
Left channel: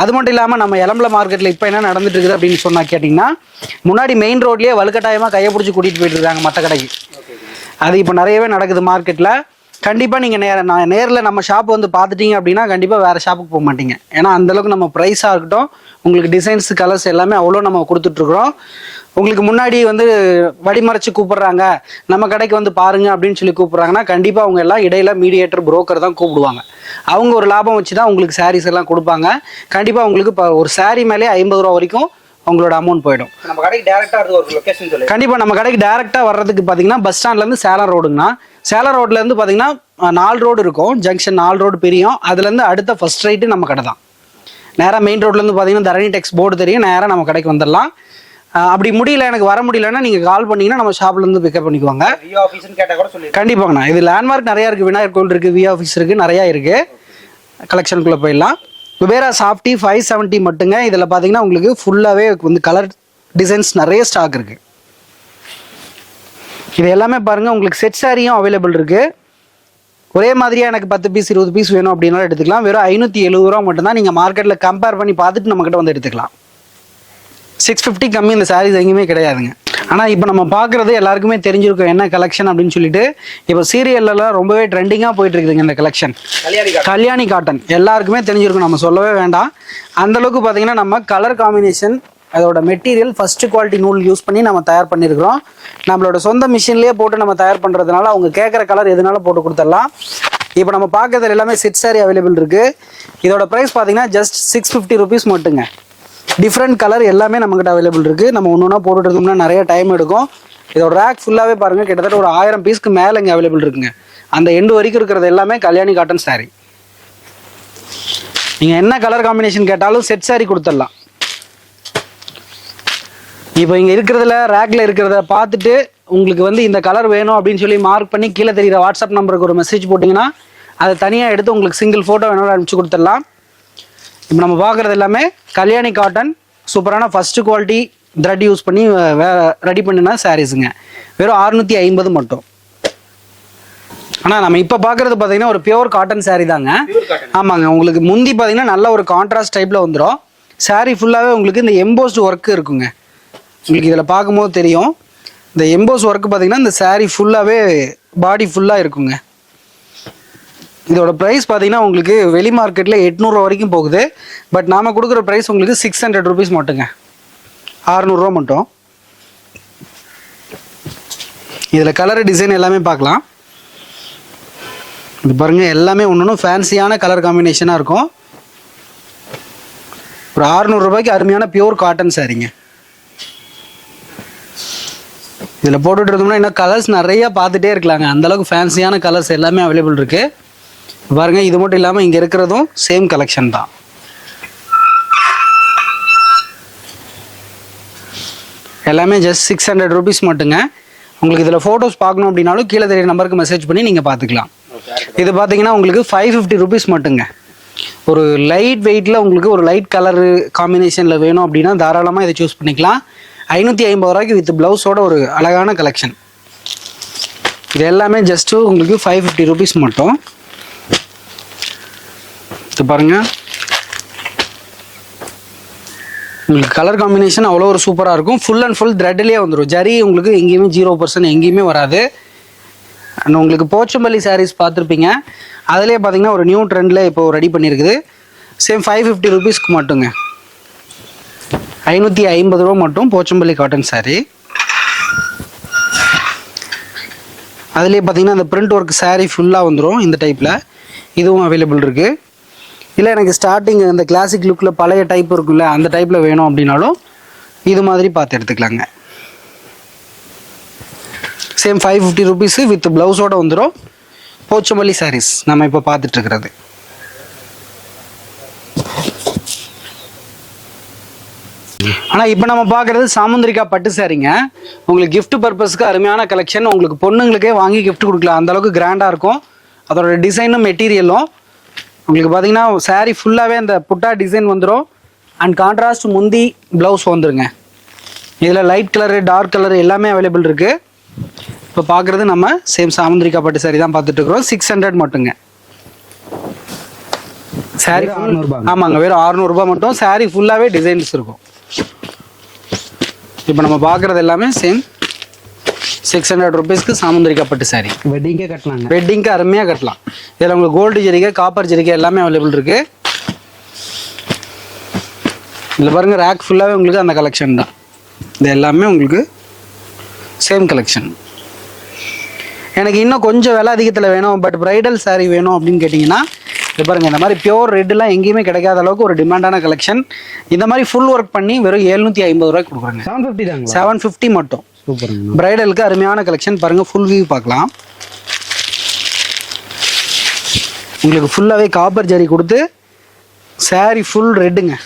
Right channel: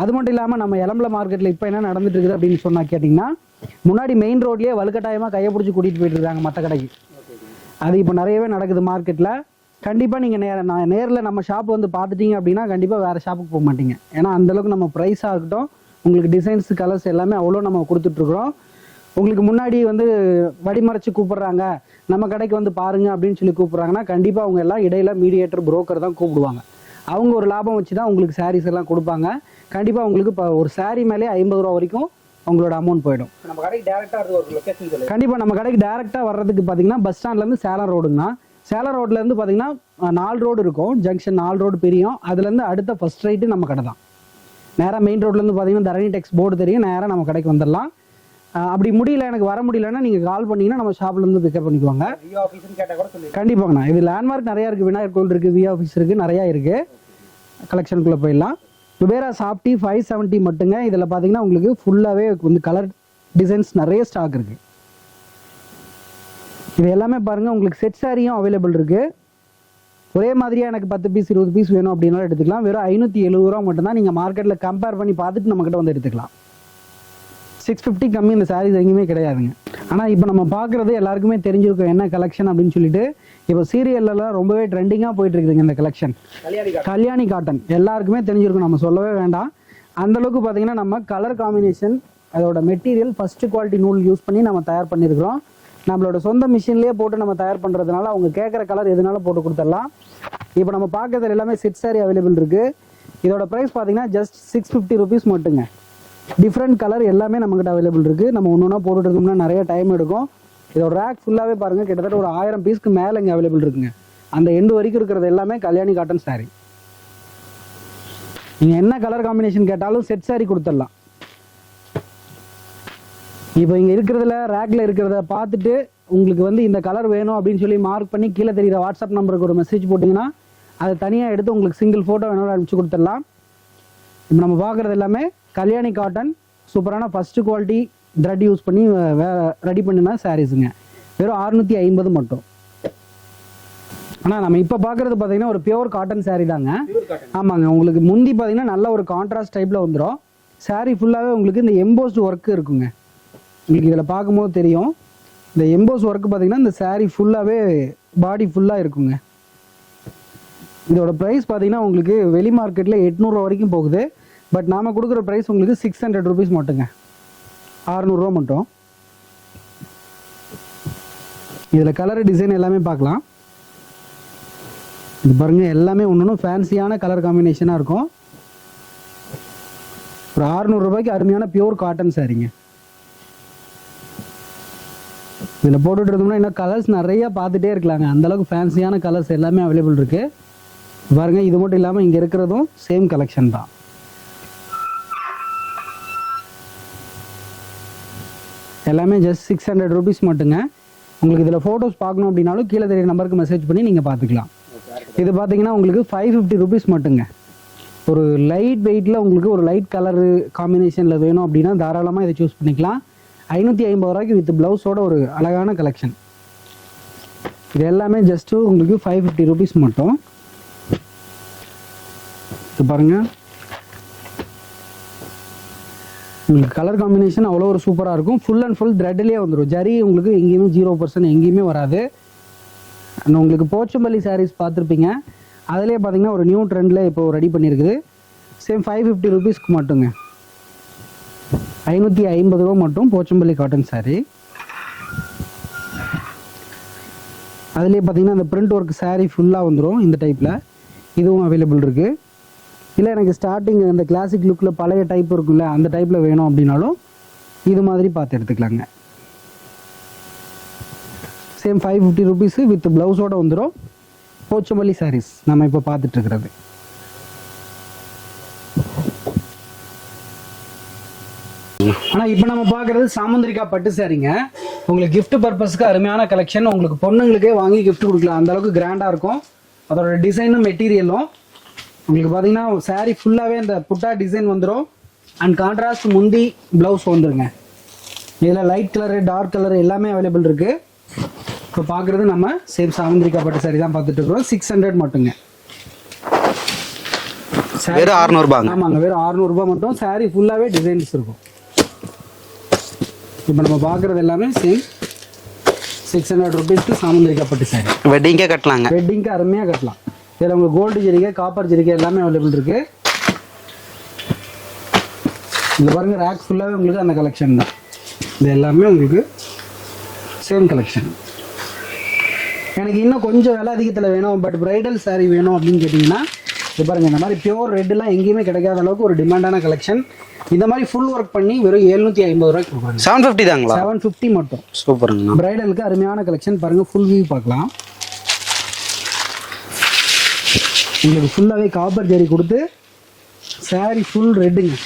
அது மட்டும் இல்லாமல் நம்ம எலம்பல மார்க்கெட்டில் இப்போ என்ன நடந்துட்டு இருக்குது அப்படின்னு சொன்னால் கேட்டிங்கன்னா, முன்னாடி மெயின் ரோட்லேயே வலுக்கட்டாயமாக கையை பிடிச்சி கூட்டிகிட்டு போயிட்டு இருக்காங்க மற்ற கடைக்கு. அது இப்போ நிறையவே நடக்குது மார்க்கெட்டில். கண்டிப்பாக நீங்கள் நேரில் நம்ம ஷாப் வந்து பார்த்துட்டீங்க அப்படின்னா கண்டிப்பாக வேறு ஷாப்புக்கு போக மாட்டீங்க. ஏன்னா அந்தளவுக்கு நம்ம ப்ரைஸாக இருக்கட்டும், உங்களுக்கு டிசைன்ஸ் கலர்ஸ் எல்லாமே அவ்வளோ நம்ம கொடுத்துட்ருக்குறோம். உங்களுக்கு முன்னாடி வந்து வடிமறைச்சு கூப்பிடுறாங்க, நம்ம கடைக்கு வந்து பாருங்க அப்படின்னு சொல்லி கூப்பிட்றாங்கன்னா கண்டிப்பாக அவங்க எல்லாம் இடையில மீடியேட்டர் புரோக்கர் தான் கூப்பிடுவாங்க. அவங்க ஒரு லாபம் வச்சு தான் உங்களுக்கு சாரீஸ் எல்லாம் கொடுப்பாங்க. கண்டிப்பாக உங்களுக்கு இப்போ ஒரு சாரீ மேலே 50 ரூபா வரைக்கும் உங்களோட அமௌண்ட் போயிடும். நம்ம கடைக்கு டேரெக்டாக ஒரு லொக்கேஷன் சொல்லி. கண்டிப்பாக நம்ம கடைக்கு டேரெக்டாக வர்றதுக்கு பார்த்தீங்கன்னா பஸ் ஸ்டாண்ட்லேருந்து சேலம் ரோடுங்கண்ணா. சேலம் ரோட்லேருந்து பார்த்தீங்கன்னா 4 ரோடு இருக்கும். ஜங்ஷன் 4 ரோடு பிரியும். அதுலேருந்து அடுத்த ஃபர்ஸ்ட் ரைட்டு நம்ம கடை தான். நேராக மெயின் ரோட்லேருந்து பார்த்தீங்கன்னா தரணி டெக்ஸ் போர்டு தெரியும். நேராக நம்ம கடைக்கு வந்துடலாம். அப்படி முடியல, எனக்கு வர முடியலன்னா நீங்கள் கால் பண்ணிங்கன்னா நம்ம ஷாப்லேருந்து பிக்கப் பண்ணிக்குவாங்க. கண்டிப்பாங்கண்ணா. இது லேண்ட்மார்க் நிறையா இருக்குது. விநாயகர் கோவில் இருக்குது, வி ஆஃபீஸ் இருக்குது, நிறையா இருக்குது. கலெக்ஷனுக்குள்ளே போயிடலாம். குபேரா சாஃப்டி 570 மட்டுங்க. இதில் பார்த்தீங்கன்னா உங்களுக்கு ஃபுல்லாகவே வந்து கலர் டிசைன்ஸ் நிறைய ஸ்டாக் இருக்குது. இது எல்லாமே பாருங்கள் உங்களுக்கு செட் சாரியும் அவைலபிள் இருக்குது. ஒரே மாதிரியாக எனக்கு 10 பீஸ் 20 பீஸ் வேணும் அப்படின்னாலும் எடுத்துக்கலாம். வெறும் 570 ரூபா மட்டும்தான். நீங்கள் மார்க்கெட்டில் கம்பேர் பண்ணி பார்த்துட்டு நம்மக்கிட்ட வந்து எடுத்துக்கலாம். 650 கம்மி இந்த சாரீஸ் எங்கேயுமே கிடையாதுங்க. ஆனால் இப்போ நம்ம பார்க்குறது எல்லாருக்குமே தெரிஞ்சிருக்கும் என்ன கலெக்ஷன் அப்படின்னு சொல்லிட்டு. இப்போ சீரியல்லாம் ரொம்பவே ட்ரெண்டிங்காக போயிட்டு இருக்குதுங்க இந்த கலெக்ஷன். கல்யாணி காட்டன் எல்லாருக்குமே தெரிஞ்சிருக்கும், நம்ம சொல்லவே வேண்டாம். அந்தளவுக்கு பார்த்தீங்கன்னா நம்ம கலர் காம்பினேஷன், அதோட மெட்டீரியல் ஃபர்ஸ்ட் குவாலிட்டி நூல் யூஸ் பண்ணி நம்ம தயார் பண்ணியிருக்கிறோம். நம்மளோட சொந்த மிஷின்லேயே போட்டு நம்ம தயார் பண்ணுறதுனால அவங்க கேட்குற கலர் எதுனாலும் போட்டு கொடுத்துடலாம். இப்போ நம்ம பார்க்கறதுல எல்லாமே செட் சாரி அவைலபிள் இருக்குது. இதோட ப்ரைஸ் பார்த்தீங்கன்னா ஜஸ்ட் 650 rupees மட்டுங்க. டிஃப்ரெண்ட் கலர் எல்லாமே நம்மக்கிட்ட அவைலபிள் இருக்குது. நம்ம ஒன்று ஒன்றா போட்டுட்டோம்னா நிறைய டைம் எடுக்கும். இதோட ரேக் ஃபுல்லாகவே பாருங்கள், கிட்டத்தட்ட ஒரு 1000 பீஸ்க்கு மேலே இங்கே அவைலபிள் இருக்குங்க. அந்த எண்டு வரைக்கும் இருக்கிறது எல்லாமே கல்யாணி காட்டன் சாரீ. நீங்கள் என்ன கலர் காம்பினேஷன் கேட்டாலும் செட் சாரீ கொடுத்துடலாம். இப்போ இங்கே இருக்கிறதுல ரேக்கில் இருக்கிறத பார்த்துட்டு உங்களுக்கு வந்து இந்த கலர் வேணும் அப்படின்னு சொல்லி மார்க் பண்ணி கீழே தெரிகிற வாட்ஸ்அப் நம்பருக்கு ஒரு மெசேஜ் போட்டிங்கன்னா அதை தனியாக எடுத்து உங்களுக்கு சிங்கிள் ஃபோட்டோ வேணும் அனுப்பிச்சு கொடுத்துடலாம். இப்போ நம்ம பார்க்குறது எல்லாமே கல்யாணி காட்டன் சூப்பரான ஃபஸ்ட்டு குவாலிட்டி த்ரெட் யூஸ் பண்ணி ரெடி பண்ணினா சாரீஸுங்க. வெறும் 650 மட்டும். ஆனால் நம்ம இப்போ பார்க்குறது பார்த்தீங்கன்னா ஒரு பியூர் காட்டன் சாரீ தாங்க. ஆமாங்க. உங்களுக்கு முந்தி பார்த்தீங்கன்னா நல்ல ஒரு கான்ட்ராஸ்ட் டைப்பில் வந்துடும். சாரீ ஃபுல்லாகவே உங்களுக்கு இந்த எம்போஸ்டு ஒர்க்கு இருக்குங்க. உங்களுக்கு இதில் பார்க்கும்போது தெரியும். இந்த எம்போஸ் ஒர்க்கு பார்த்தீங்கன்னா இந்த சாரீ ஃபுல்லாகவே பாடி ஃபுல்லாக இருக்குங்க. இதோட ப்ரைஸ் பார்த்தீங்கன்னா உங்களுக்கு வெளி மார்க்கெட்டில் 800 ரூபா வரைக்கும் போகுது. பட் நாம் கொடுக்குற ப்ரைஸ் உங்களுக்கு 600 rupees மட்டுங்க. 600 ரூபா மட்டும். இதில் கலர் டிசைன் எல்லாமே பார்க்கலாம். இது பாருங்கள், எல்லாமே ஒன்று ஃபேன்சியான கலர் காம்பினேஷனாக இருக்கும். ஒரு 600 ரூபாய்க்கு அருமையான பியூர் காட்டன் சாரீங்க. இதில் போட்டுட்டு இருந்தோம்னா இன்னும் கலர்ஸ் நிறையா பார்த்துட்டே இருக்கலாங்க. அந்தளவுக்கு ஃபேன்சியான கலர்ஸ் எல்லாமே அவைலபிள் இருக்குது. பாருங்கள், இது மட்டும் இல்லாமல் இங்கே இருக்கிறதும் சேம் கலெக்ஷன் தான். எல்லாமே ஜஸ்ட் 600 ருபீஸ் மட்டுங்க. உங்களுக்கு இதில் ஃபோட்டோஸ் பார்க்கணும் அப்படின்னாலும் கீழே தெரிய நம்பருக்கு மெசேஜ் பண்ணி நீங்கள் பார்த்துக்கலாம். இது பார்த்தீங்கன்னா உங்களுக்கு 550 ருபீஸ் மட்டுங்க. ஒரு லைட் வெயிட்டில் உங்களுக்கு ஒரு லைட் கலரு காம்பினேஷனில் வேணும் அப்படின்னா தாராளமாக இதை சூஸ் பண்ணிக்கலாம். 550 ரூபாய்க்கு வித் ப்ளவுஸோட ஒரு அழகான கலெக்ஷன். இது எல்லாமே ஜஸ்ட்டு உங்களுக்கு 550 ருபீஸ் மட்டும். இது பாருங்கள், உங்களுக்கு கலர் காம்பினேஷன் அவ்வளோ ஒரு சூப்பராக இருக்கும். ஃபுல் அண்ட் ஃபுல் த்ரெட்லேயே வந்துடும். ஜரி உங்களுக்கு எங்கேயுமே 0% எங்கேயுமே வராது. அண்ட் உங்களுக்கு போச்சம்பள்ளி சாரீஸ் பார்த்துருப்பீங்க. அதிலே பார்த்தீங்கன்னா ஒரு நியூ ட்ரெண்டில் இப்போ ரெடி பண்ணியிருக்குது. சேம் 550 ருபீஸ்க்கு மட்டுங்க. 550 ரூபா மட்டும் போச்சம்பள்ளி காட்டன் சாரீ. அதிலே பார்த்தீங்கன்னா அந்த பிரிண்ட் ஒர்க் சாரீ ஃபுல்லாக வந்துடும் இந்த டைப்பில். இதுவும் அவைலபிள் இருக்குது. இல்லை எனக்கு ஸ்டார்டிங் இந்த கிளாசிக் லுக்கில் பழைய டைப் இருக்குல்ல, அந்த டைப்பில் வேணும் அப்படின்னாலும் இது மாதிரி பார்த்து எடுத்துக்கலாங்க. சேம் 550 ருபீஸு வித் ப்ளவுஸோடு வந்துடும். போச்சம்பள்ளி சாரீஸ் நம்ம இப்போ பார்த்துட்ருக்கிறது. ஆனால் இப்போ நம்ம பார்க்குறது சாமுந்திரிக்கா பட்டு சாரீங்க. உங்களுக்கு கிஃப்ட் பர்பஸ்க்கு அருமையான கலெக்ஷன். உங்களுக்கு பொண்ணுங்களுக்கே வாங்கி கிஃப்ட் கொடுக்கலாம், அந்தளவுக்கு கிராண்டாக இருக்கும். அதோட டிசைனும் மெட்டீரியலும் உங்களுக்கு பார்த்தீங்கன்னா சாரீ ஃபுல்லாகவே அந்த புட்டா டிசைன் வந்துடும். அண்ட் கான்ட்ராஸ்ட் முந்தி ப்ளவுஸ் வந்துருங்க. இதில் லைட் கலரு டார்க் கலரு எல்லாமே அவைலபிள் இருக்குது. இப்போ பார்க்குறது நம்ம சேம் சாமுந்திரிக்கா பட்டு சாரீ தான் பார்த்துட்ருக்குறோம். 600 மட்டுங்க. சாரீ 600 ரூபா. ஆமாங்க, வெறும் 600 ரூபா மட்டும். சாரீ ஃபுல்லாகவே டிசைன்ஸ் இருக்கும். இப்போ நம்ம பார்க்குறது எல்லாமே சேம் 600 ருபீஸ்க்கு சாமுந்திரிக்கா பட்டு சாரீ. வெட்டிங்கே கட்டலாங்க. வெட்டிங்க்கு அருமையாக கட்டலாம். இதில் உங்களுக்கு கோல்டு ஜரிகை, காப்பர் ஜரிகை எல்லாமே அவைலபிள் இருக்குது. இதில் பாருங்கள், ரேக் ஃபுல்லாகவே உங்களுக்கு அந்த கலெக்ஷன் தான். இது எல்லாமே உங்களுக்கு சேம் கலெக்ஷன். எனக்கு இன்னும் கொஞ்சம் விலை அதிகத்தில் வேணும், பட் ப்ரைடல் சாரீ வேணும் அப்படின்னு கேட்டிங்கன்னா இது பாருங்கள், இந்த மாதிரி பியோர் ரெட்டுலாம் எங்கேயுமே கிடைக்காத அளவுக்கு ஒரு டிமாண்டான கலெக்ஷன். இந்த மாதிரி ஃபுல் ஒர்க் பண்ணி வெறும் 750 ரூபாய்க்கு கொடுக்குறாங்க. 750 தாங்களா? 750 மட்டும். சூப்பருங்க. ப்ரைடலுக்கு அருமையான கலெக்ஷன். பாருங்கள், ஃபுல் வியூ பார்க்கலாம். உங்களுக்கு ஃபுல்லாகவே காப்பர் ஜரி கொடுத்து சாரீ ஃபுல் ரெட்டுங்க.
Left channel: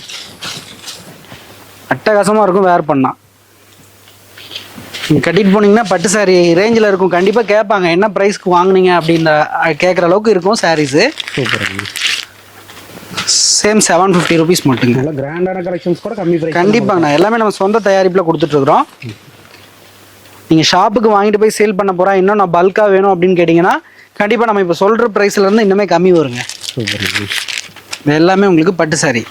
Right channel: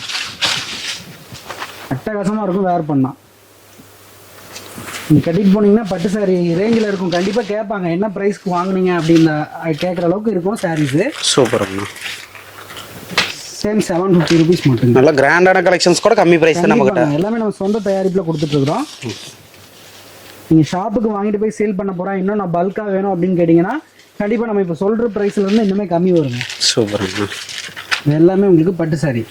அட்டகாசமாக இருக்கும் வேர் பண்ணால். நீங்கள் கட்டிட்டு போனீங்கன்னா பட்டு சாரீ ரேஞ்சில் இருக்கும். கண்டிப்பாக கேட்பாங்க என்ன ப்ரைஸ்க்கு வாங்கினீங்க அப்படின்ற கேட்குற அளவுக்கு இருக்கும் சாரீஸு. சூப்பருங்க. சேம் 750 ருபீஸ் மட்டுங்க. நல்லா கிராண்டான கலெக்ஷன்ஸ் கூட கம்மி ப்ரைஸ். கண்டிப்பாங்க, எல்லாமே நம்ம சொந்த தயாரிப்பில் கொடுத்துட்ருக்குறோம். நீங்கள் ஷாப்புக்கு வாங்கிட்டு போய் சேல் பண்ண போகிறா, இன்னும் நான் பல்காக வேணும் அப்படின்னு கேட்டிங்கன்னா கண்டிப்பாக நம்ம இப்போ சொல்கிற ப்ரைஸ்லேருந்து இன்னுமே கம்மி வருங்க. சூப்பருங்க. இது எல்லாமே உங்களுக்கு பட்டு சாரீ.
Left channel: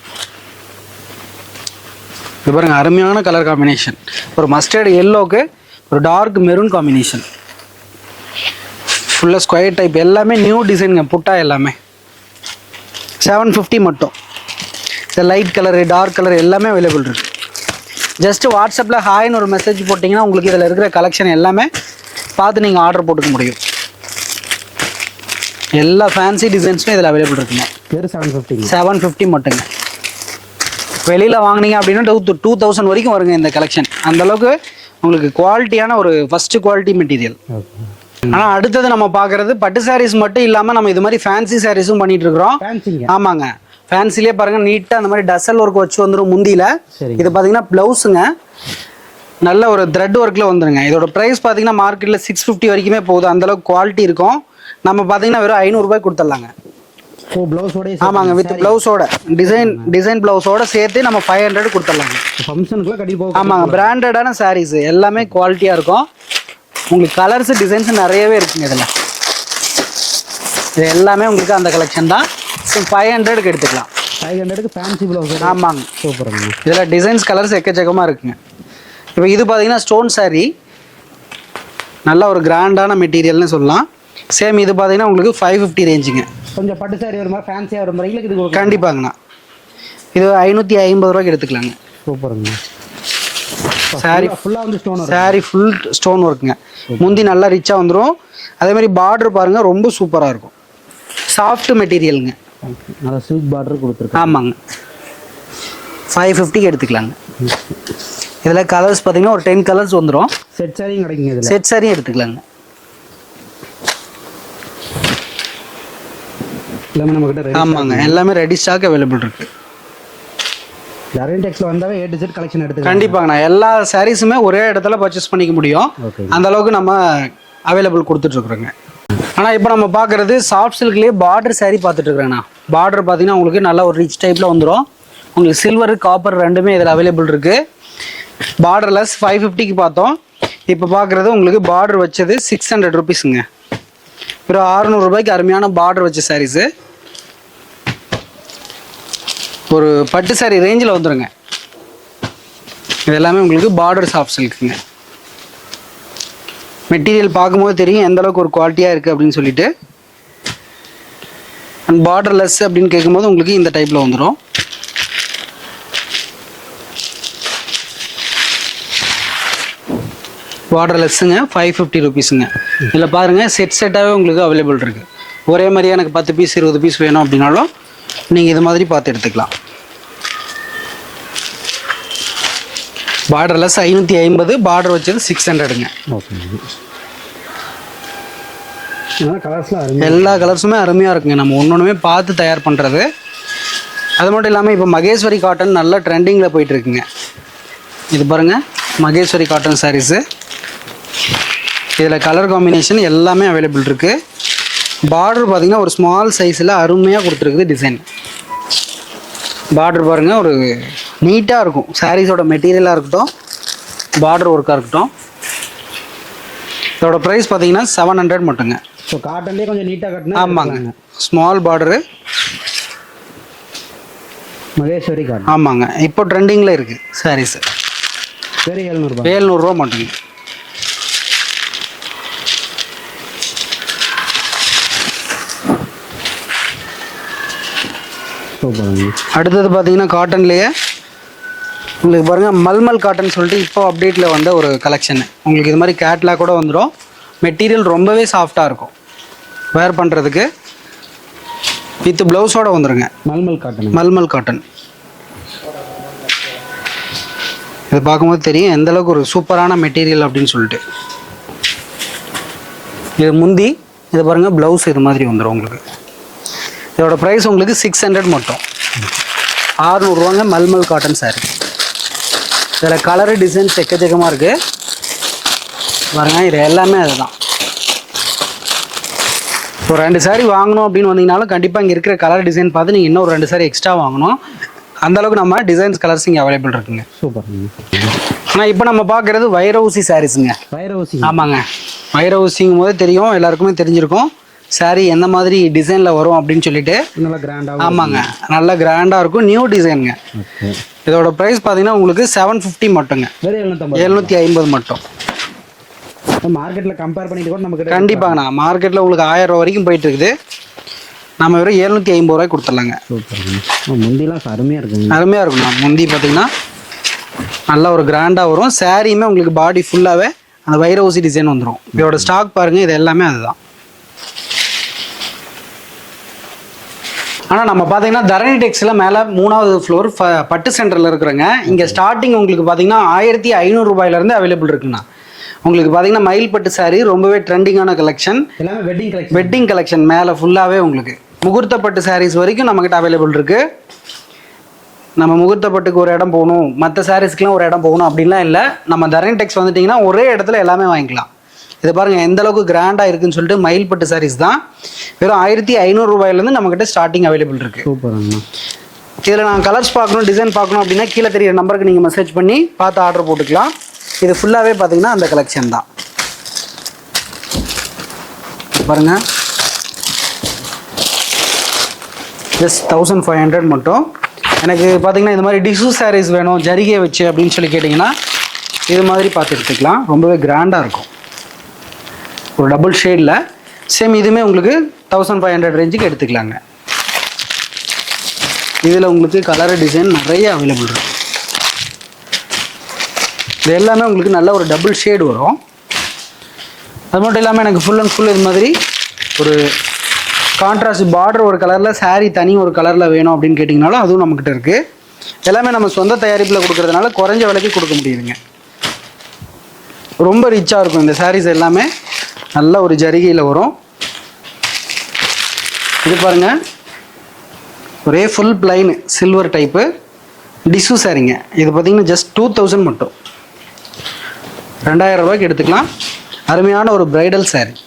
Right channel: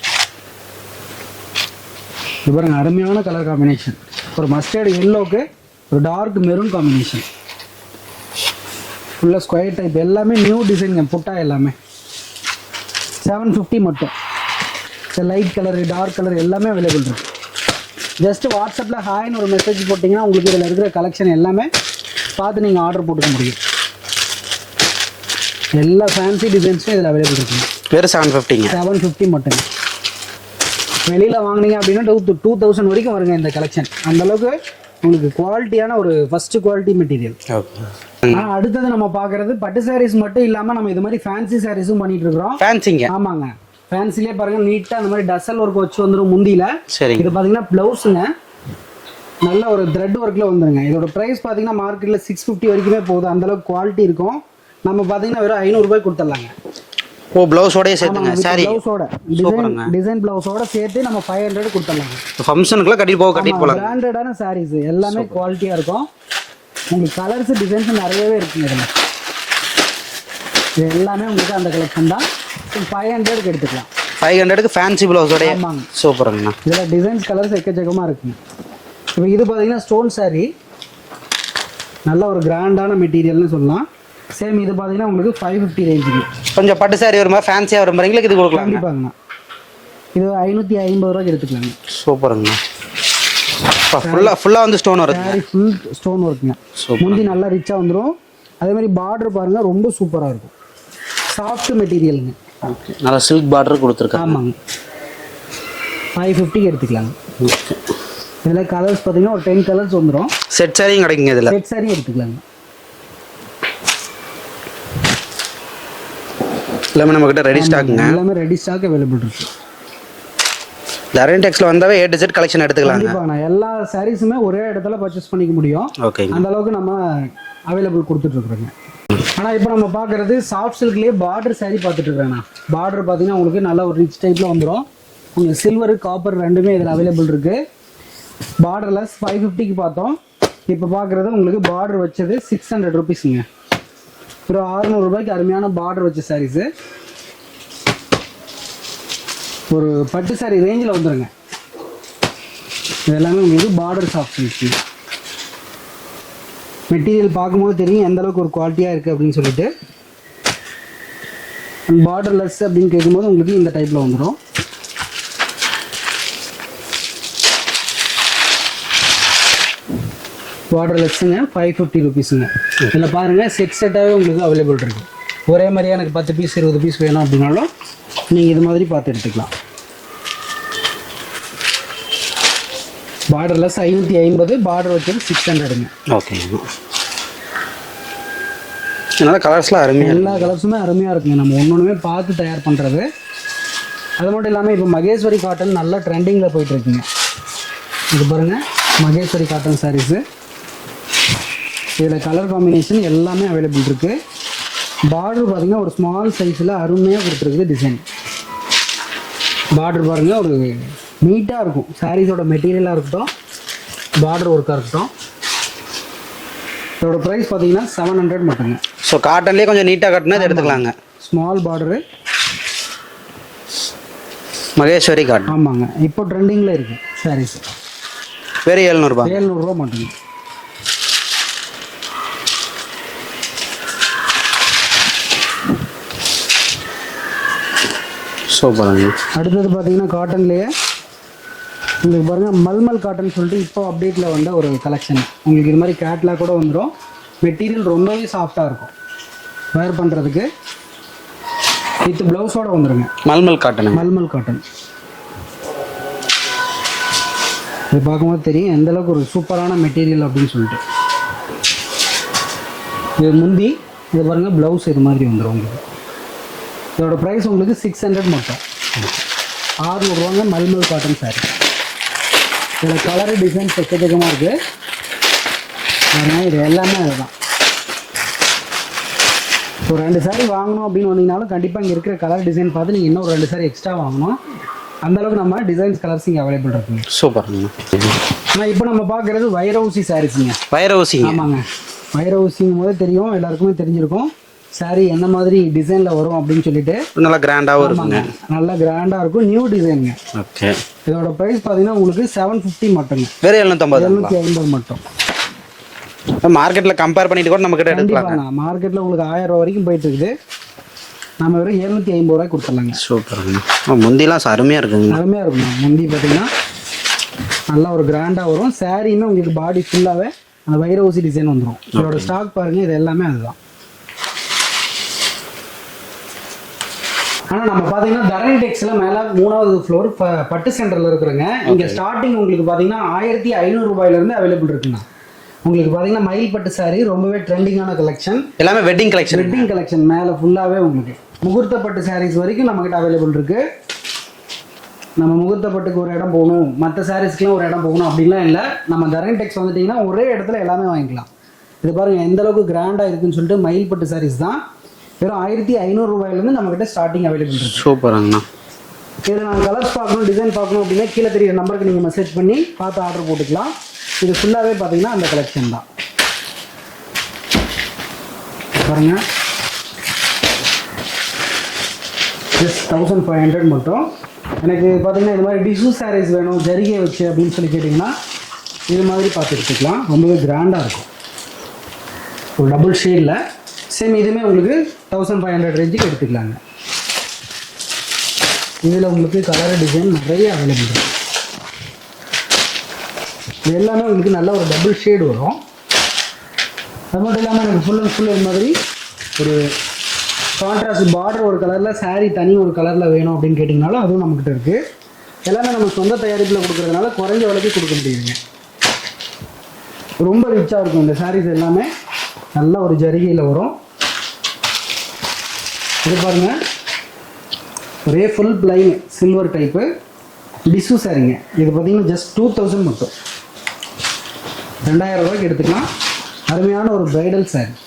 இது பாருங்கள், அருமையான கலர் காம்பினேஷன். ஒரு மஸ்டர்டு எல்லோக்கு ஒரு டார்க் மெரூன் காம்பினேஷன். ஃபுல்லாக ஸ்கொயர் டைப், எல்லாமே நியூ டிசைனுங்க. புட்டா எல்லாமே 750 மட்டும். சரி, லைட் கலரு டார்க் கலர் எல்லாமே அவைலபிள் இருக்குது. ஜஸ்ட்டு வாட்ஸ்அப்பில் ஹாய்னு ஒரு மெசேஜ் போட்டிங்கன்னா உங்களுக்கு இதில் இருக்கிற கலெக்ஷன் எல்லாமே பார்த்து நீங்கள் ஆர்டர் போட்டுக்க முடியும். எல்லா ஃபேன்சி டிசைன்ஸும் இதில் அவைலபிள் இருக்குங்க. வெறும் 750. 750 மட்டுங்க. வெளியில் வாங்கினீங்க அப்படின்னா 2000 வரைக்கும் வருங்க இந்த கலெக்ஷன். அந்தளவுக்கு உங்களுக்கு குவாலிட்டியான ஒரு ஃபஸ்ட்டு குவாலிட்டி மெட்டீரியல். ஆனால் அடுத்தது நம்ம பார்க்குறது பட்டு சாரீஸ் மட்டும் இல்லாமல் நம்ம இது மாதிரி ஃபேன்சி சாரீஸும் பண்ணிட்டு இருக்கிறோம். ஃபேன்சிங்க? ஆமாங்க. ஃபேன்சிலே பாருங்கள், நீட்டாக அந்த மாதிரி டசல் ஒர்க் வச்சு வந்துடும் முந்தியில். சரி, இது பார்த்தீங்கன்னா ப்ளவுஸுங்க நல்ல ஒரு த்ரெட் ஒர்க்கில் வந்துடுங்க. இதோட ப்ரைஸ் பார்த்தீங்கன்னா மார்க்கெட்டில் 650 வரைக்குமே போகுது. அந்தளவுக்கு குவாலிட்டி இருக்கும். நம்ம பார்த்தீங்கன்னா வெறும் 500 ரூபாய் கொடுத்துடலாங்க. ஓ, ப்ளவுஸோட? ஆமாங்க, வித் ப்ளவுஸோட டிசைன் ப்ளவுஸோட சேர்த்து நம்ம 500 கொடுத்துடலாங்க. ஃபங்க்ஷனுக்குலாம் கட்டிட்டு போக. ஆமாங்க, பிராண்டடான சாரீஸ் எல்லாமே குவாலிட்டியாக இருக்கும். உங்களுக்கு கலர்ஸ் டிசைன்ஸ் நிறையவே இருக்குங்க இதில். இது எல்லாமே உங்களுக்கு அந்த கலெக்ஷன் தான். 500க்கு எடுத்துக்கலாம். 500க்கு ஃபேன்சி ப்ளவுஸோட? ஆமாங்க. சூப்பருங்க. இதில் டிசைன்ஸ் கலர்ஸ் எக்கச்சக்கமாக இருக்குங்க. இப்போ இது பார்த்தீங்கன்னா ஸ்டோன் சாரீ, நல்ல ஒரு கிராண்டான மெட்டீரியல்னு சொல்லலாம். சேம் இது பார்த்தீங்கன்னா உங்களுக்கு 550 ரேஞ்சுங்க. கொஞ்சம் பட்டு சாரி ஒரு மாதிரி ஃபேன்சியாக வர மாதிரிங்களுக்கு இது கொடுக்கலாம். கண்டிப்பாங்கண்ணா. இது 550 ரூபாய்க்கு எடுத்துக்கலாங்க. சூப்பருங்க. ஃபுல்லாக வந்து ஸ்டோன் வரும். சாரி ஃபுல் ஸ்டோன் ஒர்க்குங்க. முந்தி நல்லா ரிச்சாக வந்துடும். அதே மாதிரி பார்டர் பாருங்கள் ரொம்ப சூப்பராக இருக்கும். சாஃப்ட் மெட்டீரியலுங்க. ஓகே, நல்லா சில்க் பார்டர் கொடுத்துருக்கேன். ஆமாங்க. 550க்கு எடுத்துக்கலாங்க. இதில் கலர்ஸ் பார்த்தீங்கன்னா ஒரு 10 கலர்ஸ் வந்துடும். செட் சாரியும் கிடைக்குங்க. இதில் செட் சாரியும் எடுத்துக்கலாங்க. எல்லாமே நம்மக்கிட்ட ரெடி ஸ்டாக். எல்லாமே ரெடி ஸ்டாக் அவைலபிள் இருக்குது. தரணி டெக்ஸ்ல வந்தாவே A to Z கலெக்ஷன் எடுத்துக்கலாம். கண்டிப்பாங்கண்ணா. எல்லா சாரீஸுமே ஒரே இடத்துல பர்ச்சேஸ் பண்ணிக்க முடியும். ஓகே, அந்த அளவுக்கு நம்ம அவைலபிள் கொடுத்துட்ருக்குறோங்க. ஆனால் இப்போ நம்ம பார்க்குறது சாஃப்ட் சில்க்லேயே பார்டர் சாரீ பார்த்துட்ருக்குறேங்கண்ணா. பார்டர் பார்த்தீங்கன்னா உங்களுக்கு நல்ல ஒரு ரிச் டைப்பில் வந்துடும். உங்களுக்கு சில்வர் காப்பர் ரெண்டுமே இதில் அவைலபிள் இருக்குது. பார்டர்லெஸ் 550க்கு பார்த்தோம். இப்போ பார்க்குறது உங்களுக்கு பார்டர் வச்சது 600 ருபீஸுங்க. ஒரு 600 ரூபாய்க்கு அருமையான பார்டர் வச்ச சாரீஸு. ஒரு பட்டு சாரி ரேஞ்சில் வந்துடுங்க. இது எல்லாமே உங்களுக்கு பார்டர் சாஃப்ட் சில்க்குங்க. மெட்டீரியல் பார்க்கும்போது தெரியும் எந்த அளவுக்கு ஒரு குவாலிட்டியாக இருக்குது அப்படின்னு சொல்லிட்டு. அண்ட் பார்டர்லெஸ் அப்படின்னு கேட்கும்போது உங்களுக்கு இந்த டைப்பில் வந்துடும். பார்டர்லெஸ்ஸுங்க 550 ருபீஸுங்க. இதில் பாருங்கள் செட்டாகவே உங்களுக்கு அவைலபிள் இருக்குது. ஒரே மாதிரியாக எனக்கு 10 பீஸ் 20 பீஸ் வேணும் அப்படின்னாலும் நீங்கள் இது மாதிரி பார்த்து எடுத்துக்கலாம். பார்டர்லெஸ் 550, பார்டர் வச்சது 600ங்க. ஓகே, அதனால் கலர்ஸ்லாம் அருமையாக, எல்லா கலர்ஸுமே அருமையாக இருக்குங்க. நம்ம ஒன்றுமே பார்த்து தயார் பண்ணுறது. அது மட்டும் இல்லாமல் இப்போ மகேஸ்வரி காட்டன் நல்ல ட்ரெண்டிங்கில் போயிட்டுருக்குங்க. இது பாருங்கள், மகேஸ்வரி காட்டன் சாரீஸு. இதில் கலர் காம்பினேஷன் எல்லாமே அவைலபிள் இருக்குது. பார்டர் பார்த்திங்கன்னா ஒரு ஸ்மால் சைஸில் அருமையாக கொடுத்துருக்குது டிசைன். பார்டர் பாருங்கள் ஒரு நீட்டாக இருக்கும். சாரீஸோட மெட்டீரியலாக இருக்கட்டும், பார்டர் ஒர்க்காக இருக்கட்டும். இதோட ப்ரைஸ் பார்த்தீங்கன்னா 700 மட்டுங்க. ஸோ காட்டன்லேயே கொஞ்சம் நீட்டாக கட்டினா எடுத்துக்கலாங்க. Small border, Maheswari cotton. ஆமாங்க. இப்போ ட்ரெண்டிங்கில் இருக்குது சாரீஸு. வெறும் 700 ரூபா மட்டுங்க. சூப்பராங்க. அடுத்தது பார்த்தீங்கன்னா காட்டன்லேயே உங்களுக்கு பாருங்கள் மல்மல் காட்டன் சொல்லிட்டு இப்போ அப்டேட்டில் வந்த ஒரு கலெக்ஷன். உங்களுக்கு இது மாதிரி கேட்லாக் கூட வந்துடும். மெட்டீரியல் ரொம்பவே சாஃப்டாக இருக்கும். வேர் பண்ணுறதுக்கு வித் ப்ளவுஸோடு வந்துடுங்க. மல்மல் காட்டன். மல்மல் காட்டன். இது பார்க்கும்போது தெரியும் எந்தளவுக்கு ஒரு சூப்பரான மெட்டீரியல் அப்படின்னு சொல்லிட்டு. இது முந்தி, இது பாருங்கள் ப்ளவுஸ் இது மாதிரி வந்துடும் உங்களுக்கு. இதோட ப்ரைஸ் உங்களுக்கு 600 மட்டும். 600 ரூபாங்க மல்மல் காட்டன் சாரீ. இதில் கலரு டிசைன்ஸ் எக்கச்சக்கமாக இருக்குது பாருங்கள். இது எல்லாமே அதுதான். ஒரு 2 சாரீ வாங்கணும் அப்படின்னு வந்தீங்கனாலும் கண்டிப்பாக இங்கே இருக்கிற கலர் டிசைன் பார்த்து நீங்கள் இன்னும் ஒரு 2 சாரீ எக்ஸ்ட்ரா வாங்கணும். அந்தளவுக்கு நம்ம டிசைன்ஸ் கலர்ஸ் இங்கே அவைலபிள் இருக்குங்க. சூப்பருங்க. ஆனால் இப்போ நம்ம பார்க்குறது வைரவுசி சாரீஸுங்க. வைரவுசி. ஆமாங்க. வைரவுசிங்கும் போது தெரியும், எல்லாருக்குமே தெரிஞ்சிருக்கும் சாரீ எந்த மாதிரி டிசைனில் வரும் அப்படின்னு சொல்லிட்டு. நல்லா கிராண்டாகவும். ஆமாங்க, நல்லா கிராண்டாக இருக்கும். நியூ டிசைனுங்க. ஓகே. இதோட ப்ரைஸ் பார்த்தீங்கன்னா உங்களுக்கு 750 மட்டுங்க. வேறு 750 மட்டும். மார்க்கெட்டில் கம்பேர் பண்ணிட்டு கூட நமக்கு கண்டிப்பாங்கண்ணா. மார்க்கெட்டில் உங்களுக்கு 1000 ரூபா வரைக்கும் போயிட்டு இருக்குது. நம்ம வெறும் 750 ரூபாய்க்கு கொடுத்துடலாங்க. சூப்பருங்க. முந்திலாம் அருமையாக இருக்குங்க. அருமையாக இருக்குண்ணா. முந்தி பார்த்தீங்கன்னா நல்லா ஒரு கிராண்டாக வரும். சாரியுமே உங்களுக்கு பாடி ஃபுல்லாகவே அந்த வைரவுசி டிசைன் வந்துடும். இதோட ஸ்டாக் பாருங்கள், இது எல்லாமே அதுதான். ஆனால் நம்ம பார்த்தீங்கன்னா தரணி டெக்ஸில் மேலே 3வது ஃப்ளோர் பட்டு சென்டரில் இருக்கிறோங்க. இங்கே ஸ்டார்டிங் உங்களுக்கு பார்த்தீங்கன்னா 1500 ரூபாயிலேருந்து அவைலபிள் இருக்குண்ணா. உங்களுக்கு பார்த்தீங்கன்னா மயில் பட்டு சாரீ ரொம்பவே ட்ரெண்டிங்கான கலெக்ஷன். எல்லாமே வெட்டிங் கலெக்ஷன் மேலே ஃபுல்லாகவே உங்களுக்கு முகூர்த்த பட்டு சாரீஸ் வரைக்கும் நம்மக்கிட்ட அவைலபிள் இருக்குது. நம்ம முகூர்த்த பட்டுக்கு ஒரு இடம் போகணும், மற்ற சாரீஸ்க்குலாம் ஒரு இடம் போகணும் அப்படின்லாம் இல்லை. நம்ம தரணி டெக்ஸ் வந்துட்டிங்கன்னா ஒரே இடத்துல எல்லாமே வாங்கிக்கலாம். இது பாருங்கள் எந்த அளவுக்கு கிராண்டாக இருக்குன்னு சொல்லிட்டு. மயில் பட்டு சாரீஸ் தான் வெறும் 1500 ரூபாயிலேருந்து நம்மக்கிட்ட ஸ்டார்டிங் அவைலபிள் இருக்குது. சூப்பராங்கண்ணா. இதில் நான் கலர்ஸ் பார்க்கணும், டிசைன் பார்க்கணும் அப்படின்னா கீழே தெரியிற நம்பருக்கு நீங்கள் மெசேஜ் பண்ணி பார்த்து ஆர்டர் போட்டுக்கலாம். இது ஃபுல்லாகவே பார்த்தீங்கன்னா அந்த கலெக்ஷன் தான் பாருங்கள். ஜஸ்ட் 1500 மட்டும். எனக்கு பார்த்தீங்கன்னா இது மாதிரி டிஷ்யூ சாரீஸ் வேணும் ஜரிகை வச்சு அப்படின்னு சொல்லி கேட்டிங்கன்னா இது மாதிரி பார்த்து எடுத்துக்கலாம். ரொம்பவே கிராண்டாக இருக்கும். ஒரு டபுள் ஷேடில் சேம் இதுவுமே உங்களுக்கு 1500 ரேஞ்சுக்கு எடுத்துக்கலாங்க. இதில் உங்களுக்கு கலர் டிசைன் நிறைய அவைலபிள் இருக்குது. இது எல்லாமே உங்களுக்கு நல்ல ஒரு டபுள் ஷேடு வரும். அது மட்டும் இல்லாமல் எனக்கு ஃபுல் அண்ட் ஃபுல் இது மாதிரி ஒரு கான்ட்ராஸ்ட் பார்டர் ஒரு கலரில், saree தனி ஒரு கலரில் வேணும் அப்படின்னு கேட்டிங்கனாலும் அதுவும் நம்மக்கிட்ட இருக்குது. எல்லாமே நம்ம சொந்த தயாரிப்பில் கொடுக்குறதுனால குறைஞ்ச விலைக்கு கொடுக்க முடியுதுங்க. ரொம்ப ரிச்சாக இருக்கும் இந்த sarees எல்லாமே. நல்ல ஒரு ஜரிகையில் வரும். இது பாருங்கள், ஒரே full plain silver type tissue சாரீங்க. இது பார்த்தீங்கன்னா ஜஸ்ட் 2000 மட்டும், 2000 ரூபாய்க்கு எடுத்துக்கலாம். அருமையான ஒரு பிரைடல் saree.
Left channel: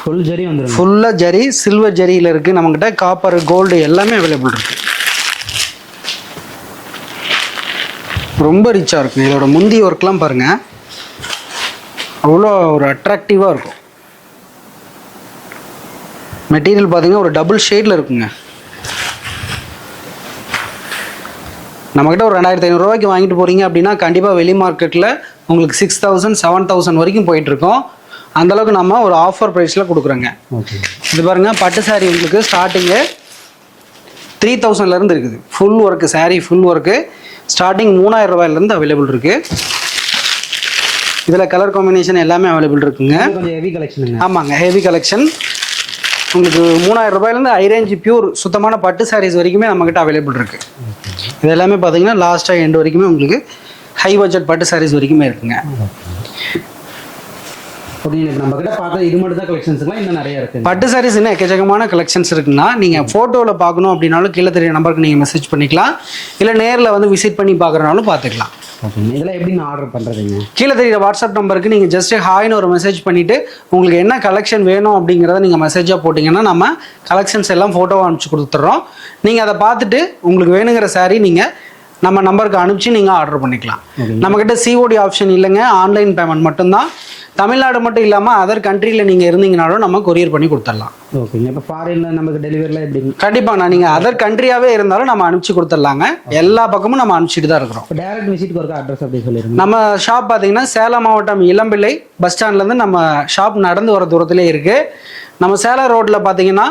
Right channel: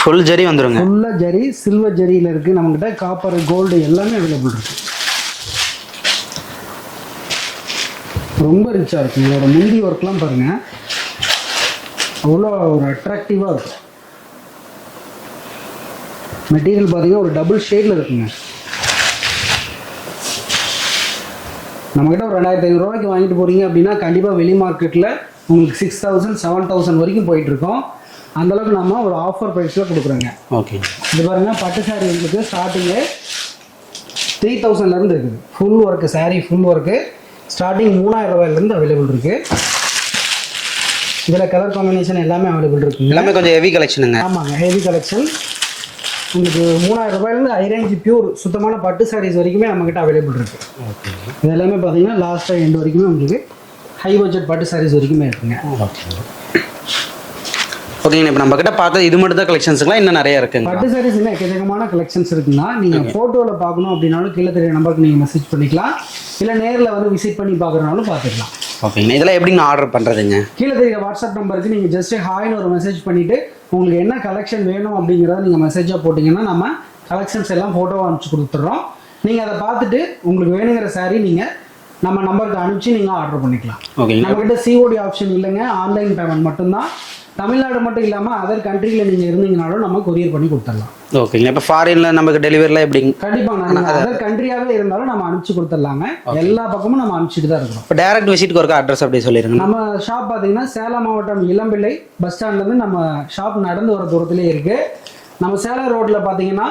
ஃபுல் ஜரி வந்துடும். ஃபுல்லாக ஜரி, சில்வர் ஜரியில் இருக்குது நம்மக்கிட்ட. காப்பர், கோல்டு எல்லாமே அவைலபிள் இருக்குது. ரொம்ப ரிச்சாக இருக்கும். இதோட முந்தி ஒர்க்லாம் பாருங்கள், அவ்வளோ ஒரு அட்ராக்டிவாக இருக்கும். மெட்டீரியல் பார்த்தீங்கன்னா ஒரு டபுள் ஷேடில் இருக்குங்க. நம்மக்கிட்ட ஒரு 2500 ரூபாய்க்கு வாங்கிட்டு போகிறீங்க அப்படின்னா கண்டிப்பாக வெளி மார்க்கெட்டில் உங்களுக்கு 6000 7000 வரைக்கும் போயிட்டுருக்கோம். அந்தளவுக்கு நம்ம ஒரு ஆஃபர் ப்ரைஸில் கொடுக்குறோங்க. ஓகே. இது பாருங்கள், பட்டு சாரீ உங்களுக்கு ஸ்டார்டிங்கு 3000லேருந்து இருக்குது. Full work sari, full work starting 3000 ரூபாயிலேருந்து அவைலபிள் இருக்குது. இதில் கலர் காம்பினேஷன் எல்லாமே அவைலபிள் இருக்குங்க. கொஞ்சம் ஹெவி கலெக்ஷனுங்க. ஆமாங்க, ஹெவி கலெக்ஷன். உங்களுக்கு 3000 ரூபாயிலேருந்து ஹை ரேஞ்ச் பியூர் சுத்தமான பட்டு சாரீஸ் வரைக்குமே நம்மக்கிட்ட அவைலபிள் இருக்குது. இது எல்லாமே பார்த்தீங்கன்னா லாஸ்ட்டாக எண்டு வரைக்குமே உங்களுக்கு ஹை பட்ஜெட் பட்டு சாரீஸ் வரைக்குமே இருக்குங்க. ஓகேங்க. இப்போ நம்மக்கிட்ட பார்த்தது இது மட்டும் தான் கலெக்ஷன்ஸுங்களா, இன்னும் நிறைய இருக்குது? பட்டு சாரீஸ் இன்னும் எக்கச்சக்கமான கலெக்ஷன்ஸ் இருக்குன்னா நீங்கள் ஃபோட்டோவில் பார்க்கணும் அப்படின்னாலும் கீழே தெரிய நம்பருக்கு நீங்கள் மெசேஜ் பண்ணிக்கலாம். இல்லை நேரில் வந்து விசிட் பண்ணி பார்க்குறனாலும் பார்த்துக்கலாம். ஓகேங்க. இதெல்லாம் எப்படிங்க ஆர்டர் பண்ணுறதுங்க? கீழே தெரியுற வாட்ஸ்அப் நம்பருக்கு நீங்கள் ஜஸ்ட் ஹாய்னு ஒரு மெசேஜ் பண்ணிவிட்டு உங்களுக்கு என்ன கலெக்ஷன் வேணும் அப்படிங்கிறத நீங்கள் மெசேஜாக போட்டிங்கன்னா நம்ம கலெக்ஷன்ஸ் எல்லாம் ஃபோட்டோவாக அனுப்பிச்சி கொடுத்துட்றோம். நீங்கள் அதை பார்த்துட்டு உங்களுக்கு வேணுங்கிற saree நீங்கள் நம்ம நம்பருக்கு அனுப்பிச்சு நீங்கள் ஆர்டர் பண்ணிக்கலாம். நம்மக்கிட்ட சிஓடி ஆப்ஷன் இல்லைங்க, ஆன்லைன் பேமெண்ட் மட்டும்தான். தமிழ்நாடு மட்டும் இல்லாமல் அதர் கண்ட்ரியில் நீங்கள் இருந்தீங்கனாலும் நம்ம கொரியர் பண்ணி கொடுத்துடலாம். ஓகேங்க. இப்போ ஃபாரினில் நமக்கு டெலிவரிலாம் எப்படிங்க? கண்டிப்பாக நீங்கள் அதர் கண்ட்ரியாகவே இருந்தாலும் நம்ம அனுப்பிச்சு கொடுத்துடலாங்க. எல்லா பக்கமும் நம்ம அனுப்பிச்சிட்டு தான் இருக்கிறோம். இப்போ டேரக்ட் விசிட்டுக்கு ஒரு அட்ரஸ் அப்படி சொல்லிடுங்க. நம்ம ஷாப் பார்த்தீங்கன்னா சேலம் மாவட்டம் இளம்பிள்ளை பஸ் ஸ்டாண்ட்லேருந்து நம்ம ஷாப் நடந்து வர தூரத்துலேயே இருக்குது. நம்ம சேலம் ரோட்டில் பார்த்தீங்கன்னா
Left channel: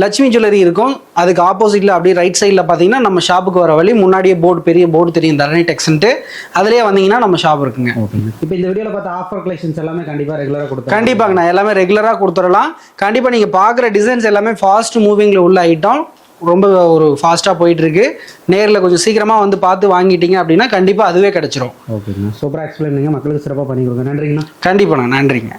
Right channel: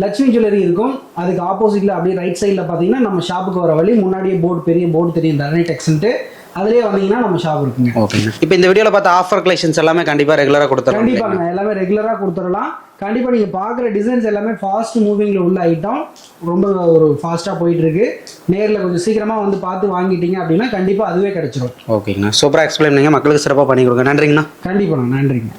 லட்சுமி ஜுவல்லரி இருக்கும். அதுக்கு ஆப்போசிட்டில் அப்படியே ரைட் சைடில் பார்த்தீங்கன்னா நம்ம ஷாப்புக்கு வர வழி முன்னாடியே போர்டு, பெரிய போர்டு தெரியும், தரணி டெக்ஸ்ன்ட்டு. அதிலே வந்தீங்கன்னா நம்ம ஷாப் இருக்குங்க. ஓகேங்க. இப்போ இந்த வீடியோவில் பார்த்த ஆஃபர் கலெக்ஷன்ஸ் எல்லாமே கண்டிப்பாக ரெகுலராக கொடுத்துருவோம். கண்டிப்பாங்க, நான் எல்லாமே ரெகுலராக கொடுத்துடலாம். கண்டிப்பாக நீங்கள் பார்க்குற டிசைன்ஸ் எல்லாமே ஃபாஸ்ட் மூவிங்கில் உள்ள ஐட்டம், ரொம்ப ஒரு ஃபாஸ்ட்டாக போயிட்டுருக்கு. நேரில் கொஞ்சம் சீக்கிரமாக வந்து பார்த்து வாங்கிட்டீங்க அப்படின்னா கண்டிப்பாக அதுவே கிடச்சிரும். ஓகேங்கண்ணா, சூப்பராக எக்ஸ்பிளைன் பண்ணுங்க, மக்களுக்கு சிறப்பாக பண்ணி கொடுங்க. நன்றிங்கண்ணா. கண்டிப்பாண்ணா, நன்றிங்க.